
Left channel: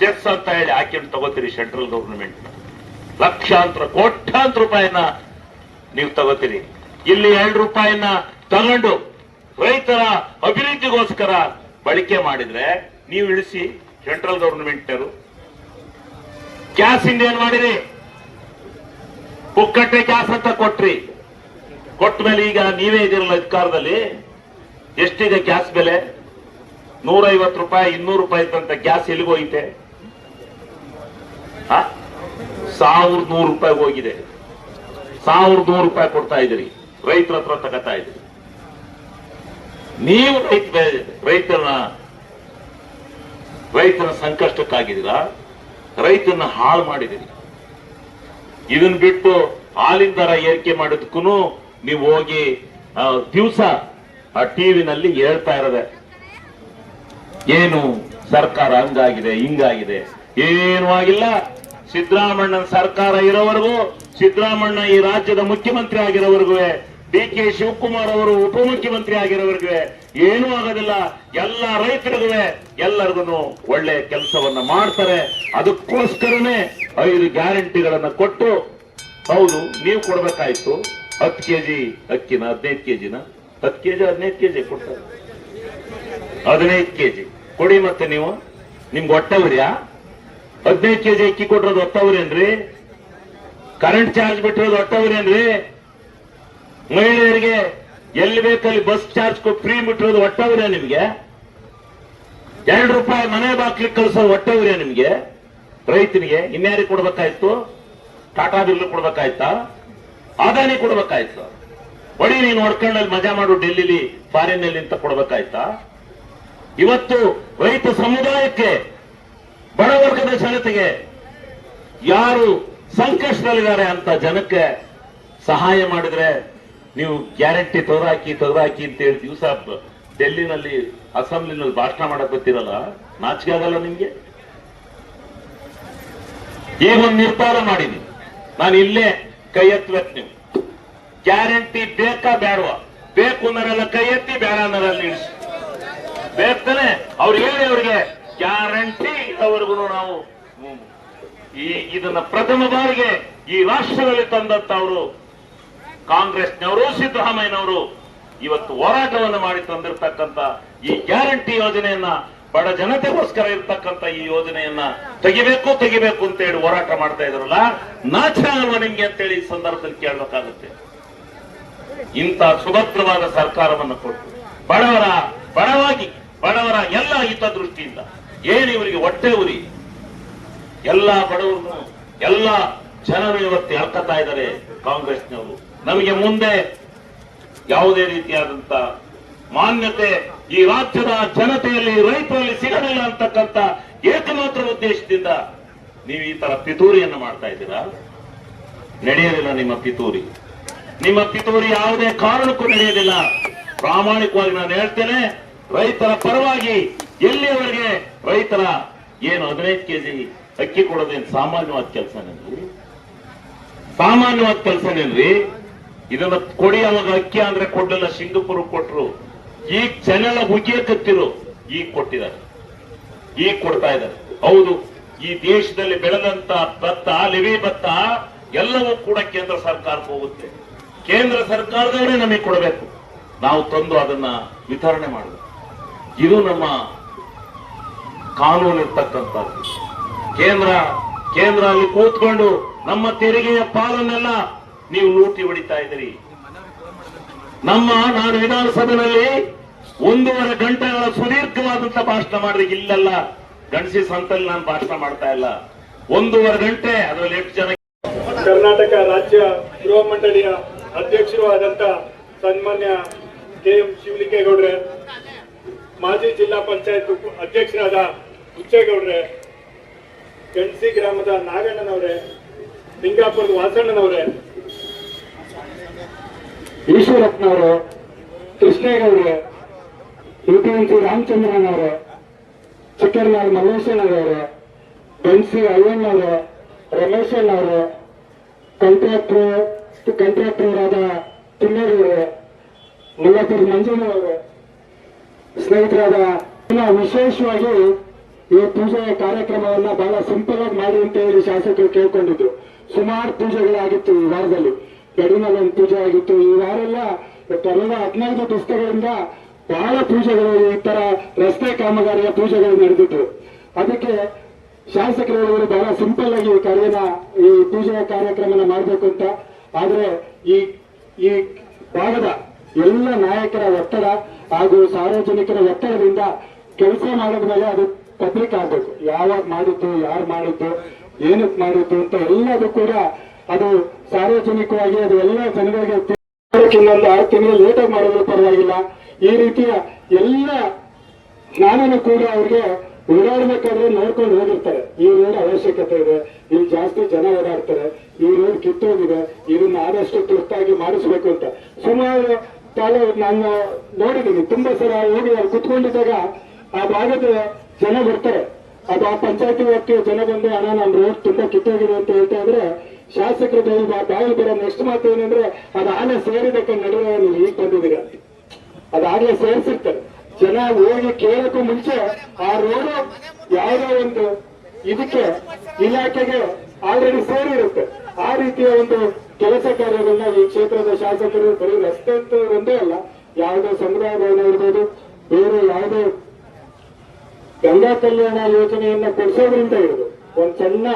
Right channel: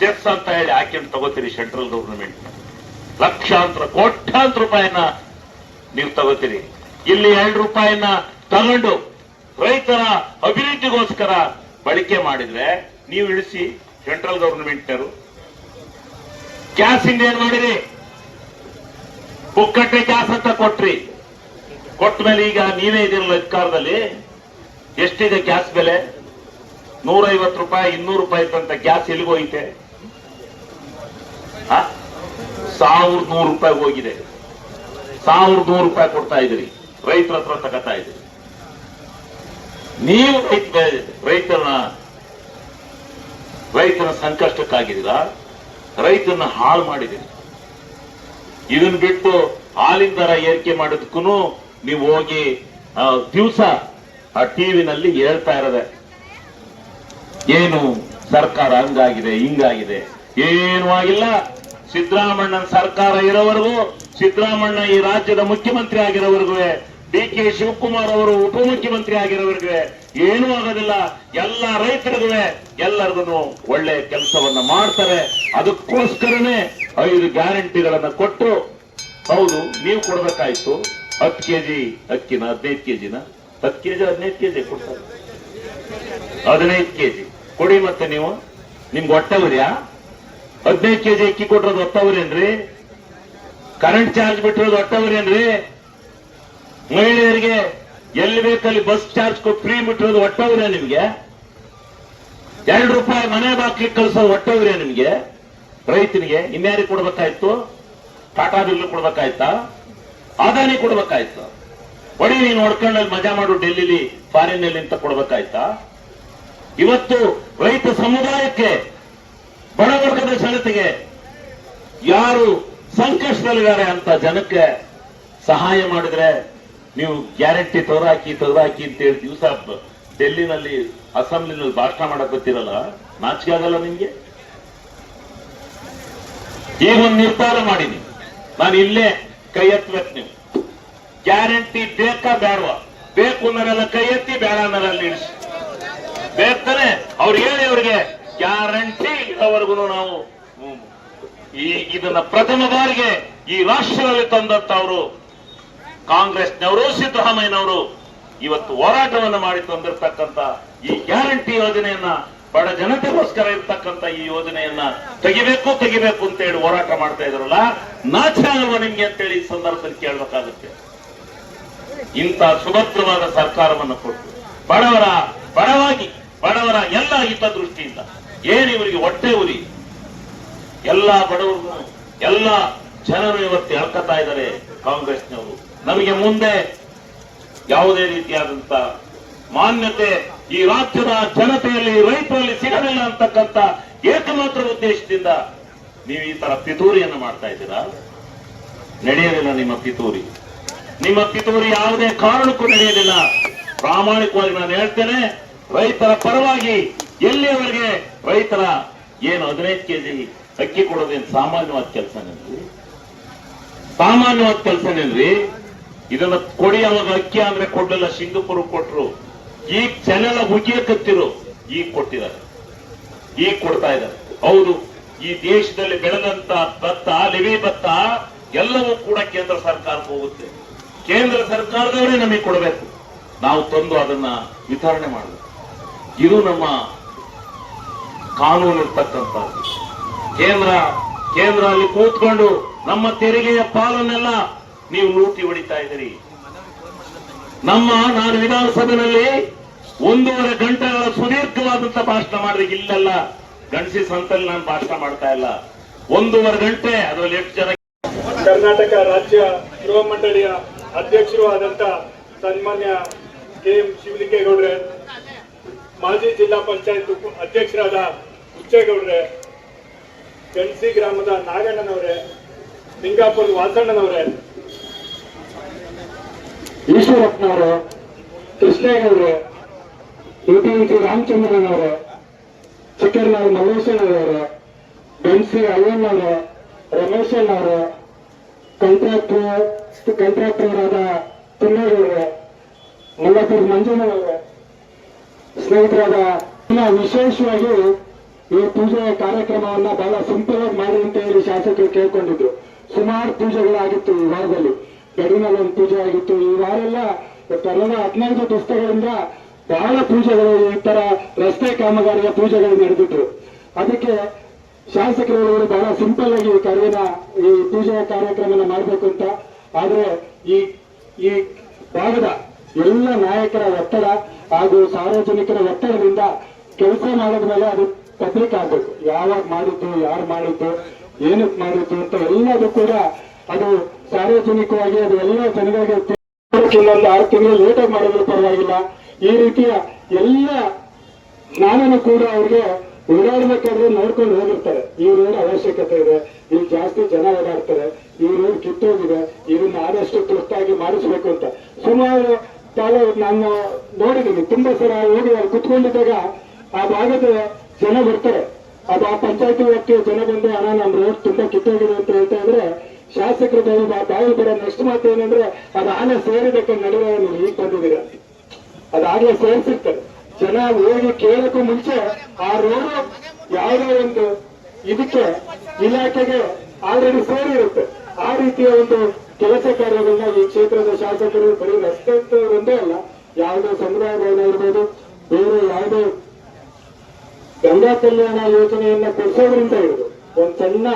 ಸೆಸ್ ಅಂತ ಹೇಳಿ ಹಾಕಿ ತಗೋತೀರಿ ಸೆಂಟ್ರಲ್ ಗವರ್ನಮೆಂಟ್. ಲಕ್ಷಾಂತರ ಕೋಟ್ಯಾಂತರ ರೂಪಾಯಿನ ನೀವು ತಗೋತೀರಿ. ಇಲ್ಲಿ 2 ರೂಪಾಯಿನ ತಗೊಂಡು ರೈತರ ಅಭಿವೃದ್ಧಿಗೋಸ್ಕರ ಬಳಕೆ ಮಾಡಿದ್ರೆ ನೀವು ಇಳಿಸಿ ಸೆಂಟ್ರಲ್ ಗವರ್ನಮೆಂಟ್ನವರು. ಗ್ಯಾಸ್ ಇಂದ ಏನ್ ಮಾಡಿರಿ? ಪುಕ್ಕಟ್ಟೆ ಗ್ಯಾಸ್ ಅಂತ ಕೊಟ್ರಿ. ಕೊಟ್ಟ ಮೇಲೆ ಈಗ ನೀವೇ ಇದಿರಲ್ಲ ಅಧಿಕಾರದಲ್ಲಿ, ಎಷ್ಟಿದೆ ಗ್ಯಾಸ್ ಬೆಲೆ? 150 ರೂಪಾಯಿ 200 ರೂಪಾಯಿ ಇದ್ದಂತ ಗ್ಯಾಸ್ ಎಲ್ಲಿಗೋಯ್ತೆ? 1100 ರೂಪಾಯಿ ಹೋಗಿದೆ. 1100 ರೂಪಾಯಿ ಕೊಡ್ತಾ ಇದ್ದೀರಿ, ರೈತರ ಹತ್ರ ತಗೋತಾ ಇದ್ದೀರಿ. ನೀವು ರೈತನ ಸಂಕಷ್ಟಕ್ಕಾಗಿದ್ದೀರಾ, ರೈತನ ಹಾಳು ಮಾಡಿದಿರಿ. ಇದನ್ನ ಬಿಟ್ಟು ಹಾಲಿನ ದರ ಏರಿಕೆ ಮಾಡೋದಕ್ಕೂ ನೀವು ಹೋಗಿ ದಿವಸ ಆ ಟಿವಿನಲ್ಲಿ ಹೇಳ್ತಾ ಇರೋದೆ ಏನು ಸರ್ಕಾರ ಹಂಗಾಗಿದೆ ಹಿಂಗಾಗಿದೆ. ಏನೂ ಆಗಿಲ್ಲ. ಸಿದ್ದರಾಮಣ್ಣನ ಸರ್ಕಾರ ಇರೋವರೆಗೂ, ಸಿದ್ದರಾಮಣ್ಣ ಈ ರಾಜ್ಯದ ಮುಖ್ಯಮಂತ್ರಿ ಆಗಿರೋವರೆಗೂ ಡಿ.ಕೆ. ಶಿವಕುಮಾರ್ ಅವರು ಉಪಮುಖ್ಯಮಂತ್ರಿ ಆಗಿರೋರಿಗೆ ಏನೂ ಆಗೋದಿಲ್ಲ. ಎಲ್ಲ ರೈತರಿಗೂ ಎಲ್ಲರಿಗೂ ಒಳ್ಳೆ ಕೆಲಸವನ್ನ ಮಾಡ್ತಾರೆ. ಅದಕ್ಕೋಸ್ಕರನೇ 5 ಗ್ಯಾರಂಟಿಗಳನ್ನ ಕೊಟ್ಟು, ಹೌದು ನೀವು ಕೊಡ್ಬೇಕಾಯ್ತು 10 ಕೆಜಿ ಅಕ್ಕಿನ 15 ಕೆಜಿನ 10 ಕೆಜಿ 15 ಕೆಜಿ ಕೊಡ್ತಾರೆ. 15 ಕೆಜಿ ಕೊಡಿ. ಮತ್ತೆ ನೀವು ನಿಮ್ಗೆ ಹೊಟ್ಟೆವ್ರಿಯಾ? 15 ಕೆಜಿ ಅಕ್ಕಿ ಕೊಟ್ಟಿರೋದು ಹೊಟ್ಟವ್ರೇನ್ರಿ? Current charge ಬಿಟ್ಟಿರೋದು ಹೊಟ್ಟವ್ರೇನ್ರಿ? ಮಹಿಳೆಯರಿಗೆ ಎಲ್ಲಿ ಬೇಕಲ್ಲಿ ಬಸ್ ಚಾರ್ಜ್ ಫ್ರೀ ಬಿಟ್ಟಿರೋದು ಹೊಟ್ಟವ್ರೆ ನಿಮ್ಗೆ? 2 ರೂಪಾಯಿ ಮನೆ ಬಾಕ್ಲಿಗೆ ಕಳಿಸೋದು ಹೊಟ್ಟವ್ರೆ ನಿಮ್ಗೆ? ರೈತನಿಗೆ ಇನ್ಯಾರಿಗೆ ಕೊಡ್ಬೇಕಾಯ್ತು? ಟಾಟಾ ಬಿಲ್ ಕೊಡ್ಬೇಕಾಯ್ತಾ? ಅದಾನಿ ಕೊಡ್ಬೇಕಾಯ್ತು? ಹೊಡಿ ನೀನು ಹೊಡ್ಕೊಂಡಲ್ಲಿ ಮಜಾ ಮಾಡು ಡೆಲ್ಲಿಲಿ ಫಾರಿನ್ ನಲ್ಲಿ ಅಂತ ಕೊಡ್ಬೇಕಾಯ್ತಾ? ಇವತ್ತು ರೈತ ಸಮುದಾಯಕ್ಕೆ, ಬಡವರ್ಗದ ಜನತೆಗೆ, ಯಾರು ಸಂಕಷ್ಟದಲ್ಲಿದ್ದಾರೆ ಅಂತ ಜನಕ್ಕೆ ಸಹಾಯ ಮಾಡಿದ್ರೆ ನೀವು ಗ್ಯಾರಂಟಿ ತೆಗೆದಾಕಿ ಅಂತ ಹೇಳಿ ದಿವಸ ಡೆಲ್ಲಿನಲ್ಲಿ ಅಸೆಂಬ್ಲಿನಲ್ಲಿ ಭಾಷಣ ಮಾಡಕ್ ಗೊತ್ತಿರಲ್ಲ? ನಾಚಿಕೆ ಆಗಲ್ಲ ನಿಮ್ಗೆ? ಈಗ ಒಂದು ನಿರ್ಧಾರ ಮಾಡೀನಿ, ನಾನು ಇಲ್ಲೇ ಕೈ ಎತ್ತಬೇಕು. ನೀವು ಗ್ಯಾರಂಟಿ ಬೇಕಾ ಬೇಡವಾ? ಬೇಕು ಮೇಲೆಲ್ಲ ಕೈ ಎತ್ತಿ, ಬೇಡ ಮೇಲೆಲ್ಲ ಇಳಿಸಿ. ಬೇಕಾನೆ ಅವ್ರು ಹೇಳಿ, ಅವರಿಗೆ ಗ್ಯಾರಂಟಿ ಅವರೆಗೂ ನಾವು ಇದನ್ನ ಪ್ರಥಮ ಬಾರಿಗೆ ಈ ರಾಷ್ಟ್ರದಲ್ಲಿ ತಂದಂತ ಅವರು ಕಾಂಗ್ರೆಸ್ನವರು, ಸಿದ್ದರಾಮಯ್ಯನವರು ಇವತ್ತು ಹೋರಾಟವನ್ನು ಮಾಡಿ ತಂದಿರತಕ್ಕಂತ ಈ ಗ್ಯಾರಂಟಿ ಯೋಜನೆಯನ್ನ, ಬಡ ಜನತೆಗೋಸ್ಕರ ಇರ್ತಕ್ಕಂಥ ಈ ಯೋಜನೆಯನ್ನ ತೆಗಿಬೇಕು ಅಂತ ಹೇಳಿ ಹೋರಾಟ ಮಾಡ್ತಾ ಇದ್ರಲ್ಲ, ನಾಚಿಕೆ ಆಗಲ್ವಾ ನಿಮ್ಗೆ ಅಂತೇಳಿ ಈ ಸಂದರ್ಭದಲ್ಲಿ ಕೇಳಬೇಕಾಗುತ್ತೆ. ಇಂಥ ಸುಭದ್ರವಾದ ಸರ್ಕಾರವನ್ನು ಕೊಟ್ಟು ಬಡವರ ಎಲ್ಲ ಹಿತದೃಷ್ಟಿಯಿಂದ ಏನು ಇವರಿಗೆ ಹೊಟ್ಟೆ ಉರಿ, ಎಲ್ಲ ಬಡವರು, ಎಲ್ಲ ಜನರು ಇವತ್ತು ಹೇಳ್ಕೊತಾ ಇದ್ದಾರೆ ಕಾಂಗ್ರೆಸ್ನವರು. ನಮಗೆ ಮುಂದೆ ಯಾವುದೇ ರೀತಿಯಾದಂತ ಮಾನ್ಯತೆ ಈ ರಾಜ್ಯದ ಜನತೆಯಲ್ಲಿ, ರೈತರಲ್ಲಿ ಸಿಗಲಿಲ್ಲ ಅಂತಕ್ಕಂಥ ಏಕಮಾತ್ರ ಉದ್ದೇಶದಿಂದ ನೀವು ಈ ತರ ಪಿತೂರಿಯನ್ನು ಮಾಡ್ತಾ ಇದ್ದೀರಾ. ನಡೆಯೋದಿಲ್ಲ ನಿಮ್ಮ ಪಿತೂರಿ ಯಾವುದೇ ಕಾರಣಕ್ಕೂ ನಡೆಯೋದಿಲ್ಲ. ಪ್ರಾಮಾಣಿಕವಾಗಿ ನಾನು ಹೇಳ್ತೇನೆ, ರೈತರ ಪರವಾಗಿ ಎಲ್ಲಿಯವರೆಗೆ ರೈತರ ಏನು 15 ಕೆಜಿ ಅಕ್ಕಿ ಕೊಡೋದೇನು ಸಾಮಾನ್ಯವಾದ ಕೆಲಸನೇನ್ರಿ? ಇದನ್ನ ಕೊಡಿ. ಅವಾಗ ಅಕ್ಕಿ ಅಂದ್ರೆ ಕೊಡಲಿಲ್ಲ, ಸಿಂಗಪುರ ಕೊಟ್ರು. ಈಗ ಜನೆಲ್ಲ ಮುಗಿಯಕತ್ತಿರು, ಈಗ ಕೊಟ್ಟಿದ್ದಾರೆ, ಈಗ ಕೊಡ್ತಾ ಇದ್ದಾರೆ. ಹೌದು, ಈ ದೇಶದಲ್ಲಿ ಬೆಳೆದಂತ ಭತ್ತ, ಲಿವಿ ಭತ್ತ ಎಲ್ಲವೂ ಕೂಡ ಕೇಂದ್ರ ಸರ್ಕಾರಕ್ಕೆ ಹೋಗುತ್ತೆ. ಕೇಂದ್ರ ಸರ್ಕಾರದವರೇ ನಮಗೆ ಕೊಡಬೇಕು, ನಾವು ತಂದು ಅದನ್ನ ವಿತರಣೆ ಮಾಡಬೇಕು. ಇದು ನಮ್ಮ ಕಾನೂನು ಇರ್ತಕ್ಕಂಥದ್ದು. ಕೇಂದ್ರ ಅಲ್ಲಿ ಕೂತ್ಕೊಂಡು ನಮ್ಮ ತೆರಿಗೆಯ ಪಾಲನ್ನೆಲ್ಲ ನೀವು ಲೂಟಿ ಹೊಡಿತಾ ಇದ್ದೀರಿ. ನಾನು ವಿಧಾನಸಭೆಯಲ್ಲಿ 1.5 ಗಂಟೆಗಳ ಸುದೀರ್ಘವಾದಂತ ಭಾಷಣ ಮಾಡಿದ್ರೆ, ಇಲ್ಲೆಲ್ಲ ಗಣಸಿ ಸಂತಲ್ಲಿ ನಾನು ಭಾಷಣ ಮಾಡ್ತಾ ಇಲ್ಲ. 1.5 ಗಂಟೆ, ಅದರಲ್ಲಿ 8 ಜನ. ಕರ್ನಾಟಕ ರಾಜ್ಯ ಗೃಹ ಮಂಡಳಿಯ ಅಧ್ಯಕ್ಷರು ಆದಂತ ಸನ್ಮಾನ್ಯ ಕೆ.ಎಂ. ಶಿವಲಿಂಗೇಗೌಡ್ರೆ, ಮಾಜಿ ಜಿಲ್ಲಾ ಪಂಚಾಯತ್ ಅಧ್ಯಕ್ಷರಾದ ಹುಚ್ಚೇಗೌಡ್ರೆ, ಗಣಸಿ ಗ್ರಾಮದ ನಾಗಣ್ಣನವರೇ, ಲಿಂಗಾಪುರದ ವಾಸಣ್ಣನವರೇ, ಈಶ್ವರಪ್ಪನವರೇ, ಕೃಷ್ಣೇಗೌಡ್ರೆ, ಎಪಿಎಂಸಿ ರಾಮಚಂದ್ರನವರೇ, ಚಿಕ್ಕರ್ನಾಳ್ ಮಲ್ಲೇಶನವರೇ, ಎನ್ಸಿ ಅಯ್ಯಣ್ಣವರೇ, ರಮೇಶಣ್ಣವರೇ, ಕಾಂಟ್ರಾಕ್ಟರ್ ತಿಮ್ಮೇಗೌಡ್ರೆ, ಮುಲ್ಲಪುರ ಮಂಜಣ್ಣವರೇ, ಸ್ನೇಹಿತರಾದ, ವಿಶೇಷವಾಗಿ ಈ ಪೂಜೆಯ ಕಾರ್ಯಕ್ರಮವನ್ನ ಬಹಳ ಸಿಂಪಲ್ ಆಗಿ ಮಾಡಿ ಅಂತ ಹೇಳಿ ಶಾಸಕರು ಕೇಳ್ಕೊಂಡಿದ್ರು. ಸುಮಾರು ಪೂಜೆಗಳಾಗಿತ್ತು ಈ ವಾರದಲ್ಲಿ. ಗಡಿನಲ್ಲಿ ಒಂದು ಪೂಜೆ ಆಗಿತ್ತು. ಈ ವಾರ ಎಲ್ಲ ಕಳೆದ 15 ದಿವಸಗಳಿಂದ ಬಹಳ ಪೂಜೆಗಳು, ಈ ತರ ರಸ್ತೆ ಕಾಮಗಾರಿಯ ಪೂಜೆಗಳು ನಡೆದಿತ್ತು. ಅದಕ್ಕೆ ಶಾಸಕರು ಬಹಳ ಸಿಂಪಲ್ ಆಗಿ ಈ ಪೂಜೆಯ ಕಾರ್ಯಕ್ರಮನ ಮಾಡಬೇಕು ಅಂತ. ಆದ್ರೆ ಈ ಭಾಗದ ಎಲ್ಲ ನಾಯಕರ ಒತ್ತಡ ಹಾಗೂ ಸಾರ್ವಜನಿಕರ ಒತ್ತಡದಿಂದ ಕೆಲಸ ಮಾಡಿದ ಮೇಲೆ ಅದು ಪಬ್ಲಿಕ್ ಆಗಬೇಕು. ಯಾವಾಗ ಮಾಡಿದ್ದು, ಯಾರು ಮಾಡಿದ್ದು, ಏನಕ್ಕೆ ಮಾಡಿದ್ದು ಅಂತ ಎಲ್ಲದೂ ಕೂಡ ಅದು ಸಾರ್ವಜನಿಕವಾಗಿ ಅದು ಎಲ್ಲ ಜನಗಳಿಗೆ ಇನ್ನೊಂದು 6 ತಿಂಗಳು ಲೇಟಾಗಿ ಮಾಡಿದ್ರು ಪರವಾಗಿಲ್ಲ. ಈ ರೀತಿಯ ಎಲ್ಲ ಜ್ಞಾನನೂ ಕೂಡ ಅವ್ರಿಗೆ ಓಡಾಡ್ಬೇಕಾದ್ರೆ ನೋಡ್ಕೊಂಡು ಹೋಗಿರ್ತಾರೆ. ಈ ರೋಡ್ ಅವಶ್ಯಕತೆ ಇದೆ, ಇಲ್ಲಿ ಜಾಸ್ತಿ ಜನ ಓಡಾಡ್ತಾರೆ, ಈ ರೋಡ್ ಕಿತ್ತೋಗಿದೆ, ಇದನ್ನ ಆದಷ್ಟು ತುರ್ತಾಗಿ ಮಾಡಿಸ್ಬೇಕು ಅಂತ ಸುಮಾರು ನಾನು ನೋಡಿದ್ದೀನಿ. ತುಂಬಾ ಸಲ ಹೋಗಿ ಅಲ್ಲಿ ಕುತ್ಕೊಂಡಿದ್ದಾಗ ಆ ಭಾಗದ ಜನ ಬರ್ತಾರೆ. ಅದು ಆ ಪಂಚಾಯತಿ ವ್ಯಾಪ್ತಿಯ ಜನ ಬಂದು, ನಮ್ಮ ರೋಡ್ ತುಂಬಾ ಕಿತ್ತೋಗಿದೆ ಅಂತ ಹೇಳ್ತಾ ಇದ್ರೆ ಶಾಸಕರು ಬಾಯಿ ಬರೋ ನೆಕ್ಸ್ಟ್ ಮಾತು ಏನಂದ್ರೆ ಅದು ಆನೆ ಸೇರಿದಕ್ಕೆ ನಡುವೆ ನೀವು ಈಗ ಬಂದಿದ್ದೀರ, ಅದಾಗಲೇ ಸೇರಿಸಿರ್ತಾರೆ. ಜನ ಹೋಗಿ ಕೇಳಕ್ಕೂ ಮುಂಚೆ ಆ ರೋಡು ಯಾವುದೋ ಒಂದು ಇದಕ್ಕೆ ಇಲಾಖೆಗೆ ಆಲ್ರೆಡಿ ಸೇರಿರುತ್ತೆ. ಆ ರೀತಿಯ ಒಂದು ಕೆಲಸ ಕಾರ್ಯಗಳನ್ನ ಈ ಕ್ಷೇತ್ರದ ಶಾಸಕರು ಬರೀ ರಸ್ತೆ ಒಂದೇ ಅಲ್ಲ, ಯಾವುದೋ ಸಮುದಾಯ ಭವನ ಇರ್ಬೋದು, ಬೇರೆ ಯಾವುದೋ ಗಂಗಾ ಕಲ್ಯಾಣ ಯೋಜನೆಯನ್ನ ಕೊಡಿಸೋದ್ರಿಂದ ಇರೋದು, ಒಂದು ಸಣ್ಣ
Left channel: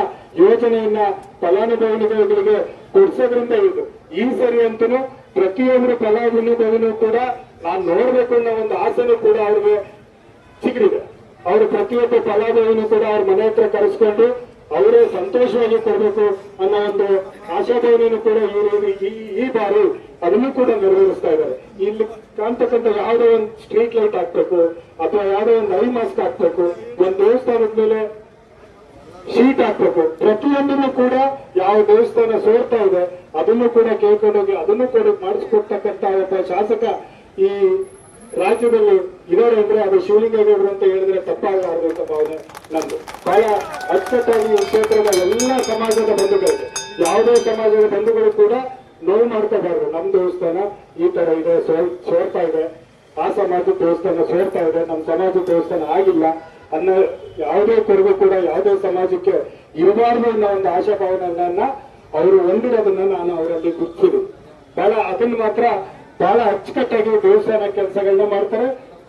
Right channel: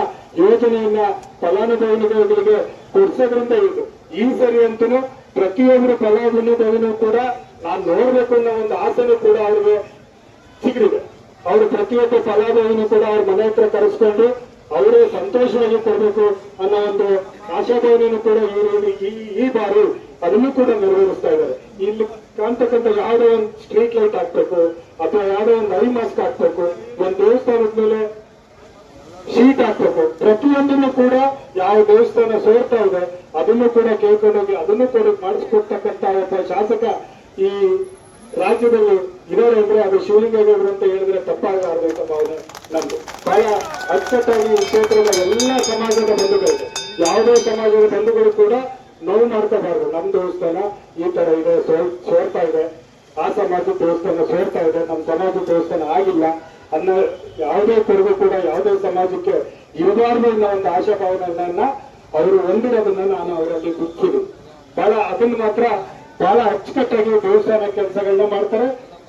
ಯೋಜನೆಯನ್ನ ಫಲಾನುಭವಿಗಳಿಗೆ ಕೊಡಿಸೋದ್ರಿಂದ ಇರೋದು. ಈ ಸರಿ ಅಂತೂ ಪ್ರತಿಯೊಂದು ಫಲಾನುಭವಿನೂ ಕೂಡ ನಾನು ನೋಡ್ಬೇಕು ಅನ್ನೋ ಒಂದು ಆಸೆನೂ ಕೂಡ ಅವ್ರಿಗೆ ಸಿಗಲಿದೆ. ಅವರು ಪ್ರತಿಯೊಬ್ಬ ಫಲಾನುಭವಿನೂ ಕೂಡ ಅವ್ರ ಮನೆ ಹತ್ರ ಕರೆಸ್ಕೊಂಡು ಅವರೇ ಸಂತೋಷವಾಗಿ ಕೊಡಬೇಕು ಅನ್ನೋ ಒಂದು ಆಶಾಭಾವನೆಯನ್ನು ಕೂಡ ಈ ಬಾರಿ ಅದನ್ನು ಕೂಡ ನೆರವೇರಿಸ್ತಾ ಇದ್ದಾರೆ. ಇಲ್ಲಿ ಕಾಣ್ತಕ್ಕಂಥ ಯಾವುದೋ ಒಂದು ಸ್ಟ್ರೀಟ್ ಲೈಟ್ ಹಾಕ್ಬೇಕು ಅಥವಾ ಯಾವುದೋ ಒಂದು ಐ ಮಾಸ್ಕ್ ಹಾಕ್ಬೇಕು, ಒಂದು ದೇವಸ್ಥಾನದ ಮೇಲೆ ಶೀಟ್ ಹಾಕ್ಬೇಕು, ಪ್ರತಿಯೊಂದನ್ನು ಕೂಡ ಯಾವ ದೇವಸ್ಥಾನ ಸೋರ್ತಾ ಇದೆ ಅದನ್ನು ಕೂಡ ಕೇಳ್ಕೊಂಡೋಗಿ ಅದನ್ನು ಕೂಡ ಮಾಡಿಸ್ಕೊಡ್ತಕ್ಕಂಥ ಒಬ್ಬ ಶಾಸಕ ಈ ರಾಜ್ಯದಲ್ಲಿ ಇರೋರು ಅಂದ್ರೆ ಅದು ಶಿವಲಿಂಗೇಗೌಡರು ಅಂತ ಹೇಳಿದ್ರೆ ತಪ್ಪಾಗಲಾರದು ಅಂತ ಭಾವನೆ ನಮ್ದು. ಬಹಳ ಅಚ್ಚುಕಟ್ಟಾಗಿ ಈ ಕ್ಷೇತ್ರದ ಎಲ್ಲ ಸಮಾಜದ ಬಂಧುಗಳಿದೆ, ಯಾವುದೇ ಸಮಾಜದ ಬಂಧುಗಳು ಕೂಡ ನೋವು ಮಾಡ್ಕೋಬಾರ್ದು. ನಮ್ಮ ದೇವಸ್ಥಾನ ಈ ತರ ಇದೆ, ಸೋರ್ತಾ ಇದೆ, ಆ ಸಮಾಜದ ದೇವಸ್ಥಾನ ಸೋರ್ತಾ ಇದೆ, ನಮ್ಮ ಸಮಾಜದ ದೇವಸ್ಥಾನ ಆಗಿಲ್ಲ ಅನ್ನೋ ಯಾವುದೇ ಕೊರಗು ಕೂಡ ಯಾವುದೇ ಸಮಾಜಕ್ಕೆ ಇರಬಾರ್ದು ಅನ್ನೋ ಒಂದು ಆಶಾಭಾವನೆಯನ್ನ ಅವರು ಹೊಂದಿರೋದನ್ನ ನಾನು ಅವರಲ್ಲಿ ಗುರುತಿಸಿದೆ. ಬಹಳ ಅದನ್ನು ಮಾತ್ರ ಬಹಳ ಅಚ್ಚುಕಟ್ಟಾಗಿ ದೇವಸ್ಥಾನ ಕೆಲಸಗಳನ್ನ ಮಾಡ್ತಾರೆ.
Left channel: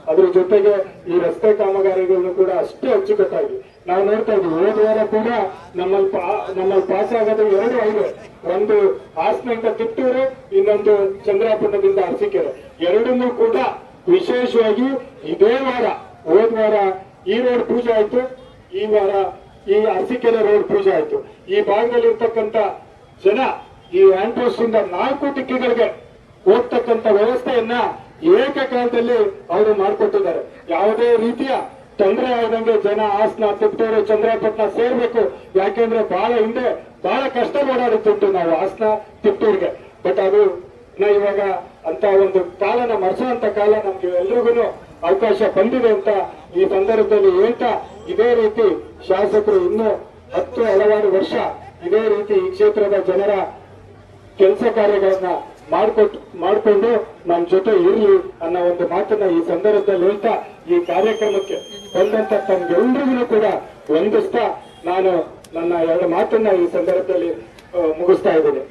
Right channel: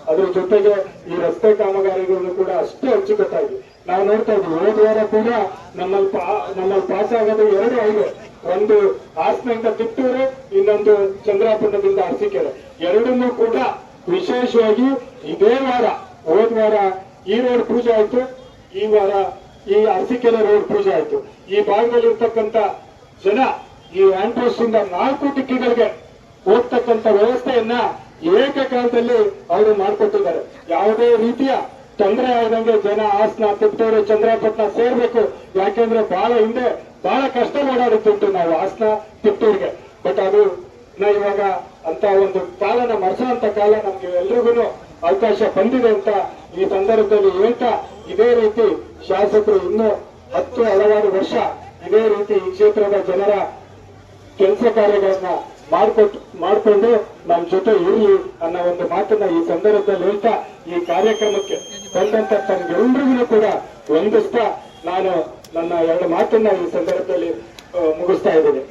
ಅದ್ರ ಜೊತೆಗೆ ಈ ರಸ್ತೆ ಕಾಮಗಾರಿಗಳನ್ನು ಕೂಡ ಅಷ್ಟೇ ಅಚ್ಚುಕಟ್ಟಾಗಿ ನಾವು ನೋಡ್ತಾ ಇದ್ವಿ. ಹೋದ ವಾರ ಕೂಡ ನಮ್ಮಲ್ಲಿ ಪಾಸ್ ಆಗೋದು 2 ಹೈವೇ, ಒಂದು ಹಾಸನದಿಂದ ಕಿತ್ತೂರು, ಇನ್ನೊಂದು ಚಂದ್ರಾಪುರದಿಂದ ಅರಸೀಕೆರೆ. ಎರಡನ್ನೂ ಕೂಡ ವಿಶೇಷವಾಗಿ ಇದೇ ವಾರ, ಹೋದ ವಾರ ಈ ರೋಡ್ ಪೂಜೆ ಆಯ್ತು, ಈ ವಾರ ಈ ಅರಸೀಕೆರೆ ರೋಡ್ ಪೂಜೆ ಆಯ್ತು. ಈ ಭಾಗದಲ್ಲಿ ಇರ್ತಕ್ಕಂಥ ಜನ ಈ ಹ್ಯಾಂಡ್ ಪೋಸ್ಟ್ ಇಂದ 4 ಟಿಕ್ಕಿಗಳಿಗೆ ಹೋಗ್ತಕ್ಕಂಥ ವ್ಯವಸ್ಥೆಯನ್ನ ಏಕಕಾಲದಲ್ಲಿ ಅವರು ಮಾಡಿಕೊಟ್ಟಿದ್ದಾರೆ. ಯಾವುದೇ ರೀತಿಯ ತೊಂದರೆ ಆಗದಂಗೆ ಜನ ಹಾಸನ, ತಿಪ್ಟೂರು, ಚಂದ್ರಾಪಟ್ಟಣ ಸೇರ್ಬೇಕು. ಯಾಕೆಂದ್ರೆ ಬಹಳ ಹಿಂದೆ ಬಹಳ ಕಷ್ಟ ಓಡಾಡುತ್ತಿತ್ತು ನಾವು ಹಾಸನ ತಿಪ್ಟೂರಿಗೆ. ಬಟ್ ಅದು ಇವಾಗ ಅಂತ ಒಂದು ಕಾಲನ ಮರೆಸುವಂತ ಕಾಲ ನಮ್ಗೆ ಎಲ್ರಿಗೂ ಅವಕಾಶ ಬಂದಿದೆ ಅಂತ ಈ ಸಂದರ್ಭದಲ್ಲಿ ಹೇಳ್ತಾ, ಇದೇ ರೀತಿ ಶಾಸಕರು ಇನ್ನೂ 10 ಹಲವಾರು ವರ್ಷ ಇದೇ ರೀತಿ ಈ ಕ್ಷೇತ್ರದ ಜನರ ಕೆಲಸ ಕಾರ್ಯಗಳನ್ನ ಮಾಡಿಕೊಂಡು ನಮ್ಮ ಜೊತೆ ಇರಲಿ ಅನ್ನೋ ಒಂದು ಮಾತನ್ನ ಈ ಸಂದರ್ಭದಲ್ಲಿ ಹೇಳ್ತಾ, ಈ ಕಾರ್ಯಕ್ರಮಕ್ಕೆ ಬಂದಂತ ತಮ್ಗೆಲ್ಲರಿಗೂ ಕೂಡ ವಂದಿಸ್ತಾ ನಾನು ನನ್ನ 2 ಮಾತನ್ನ ಈ ಸಂದರ್ಭದಲ್ಲಿ ಮುಗಿಸ್ತಾ ಇದ್ದೇನೆ.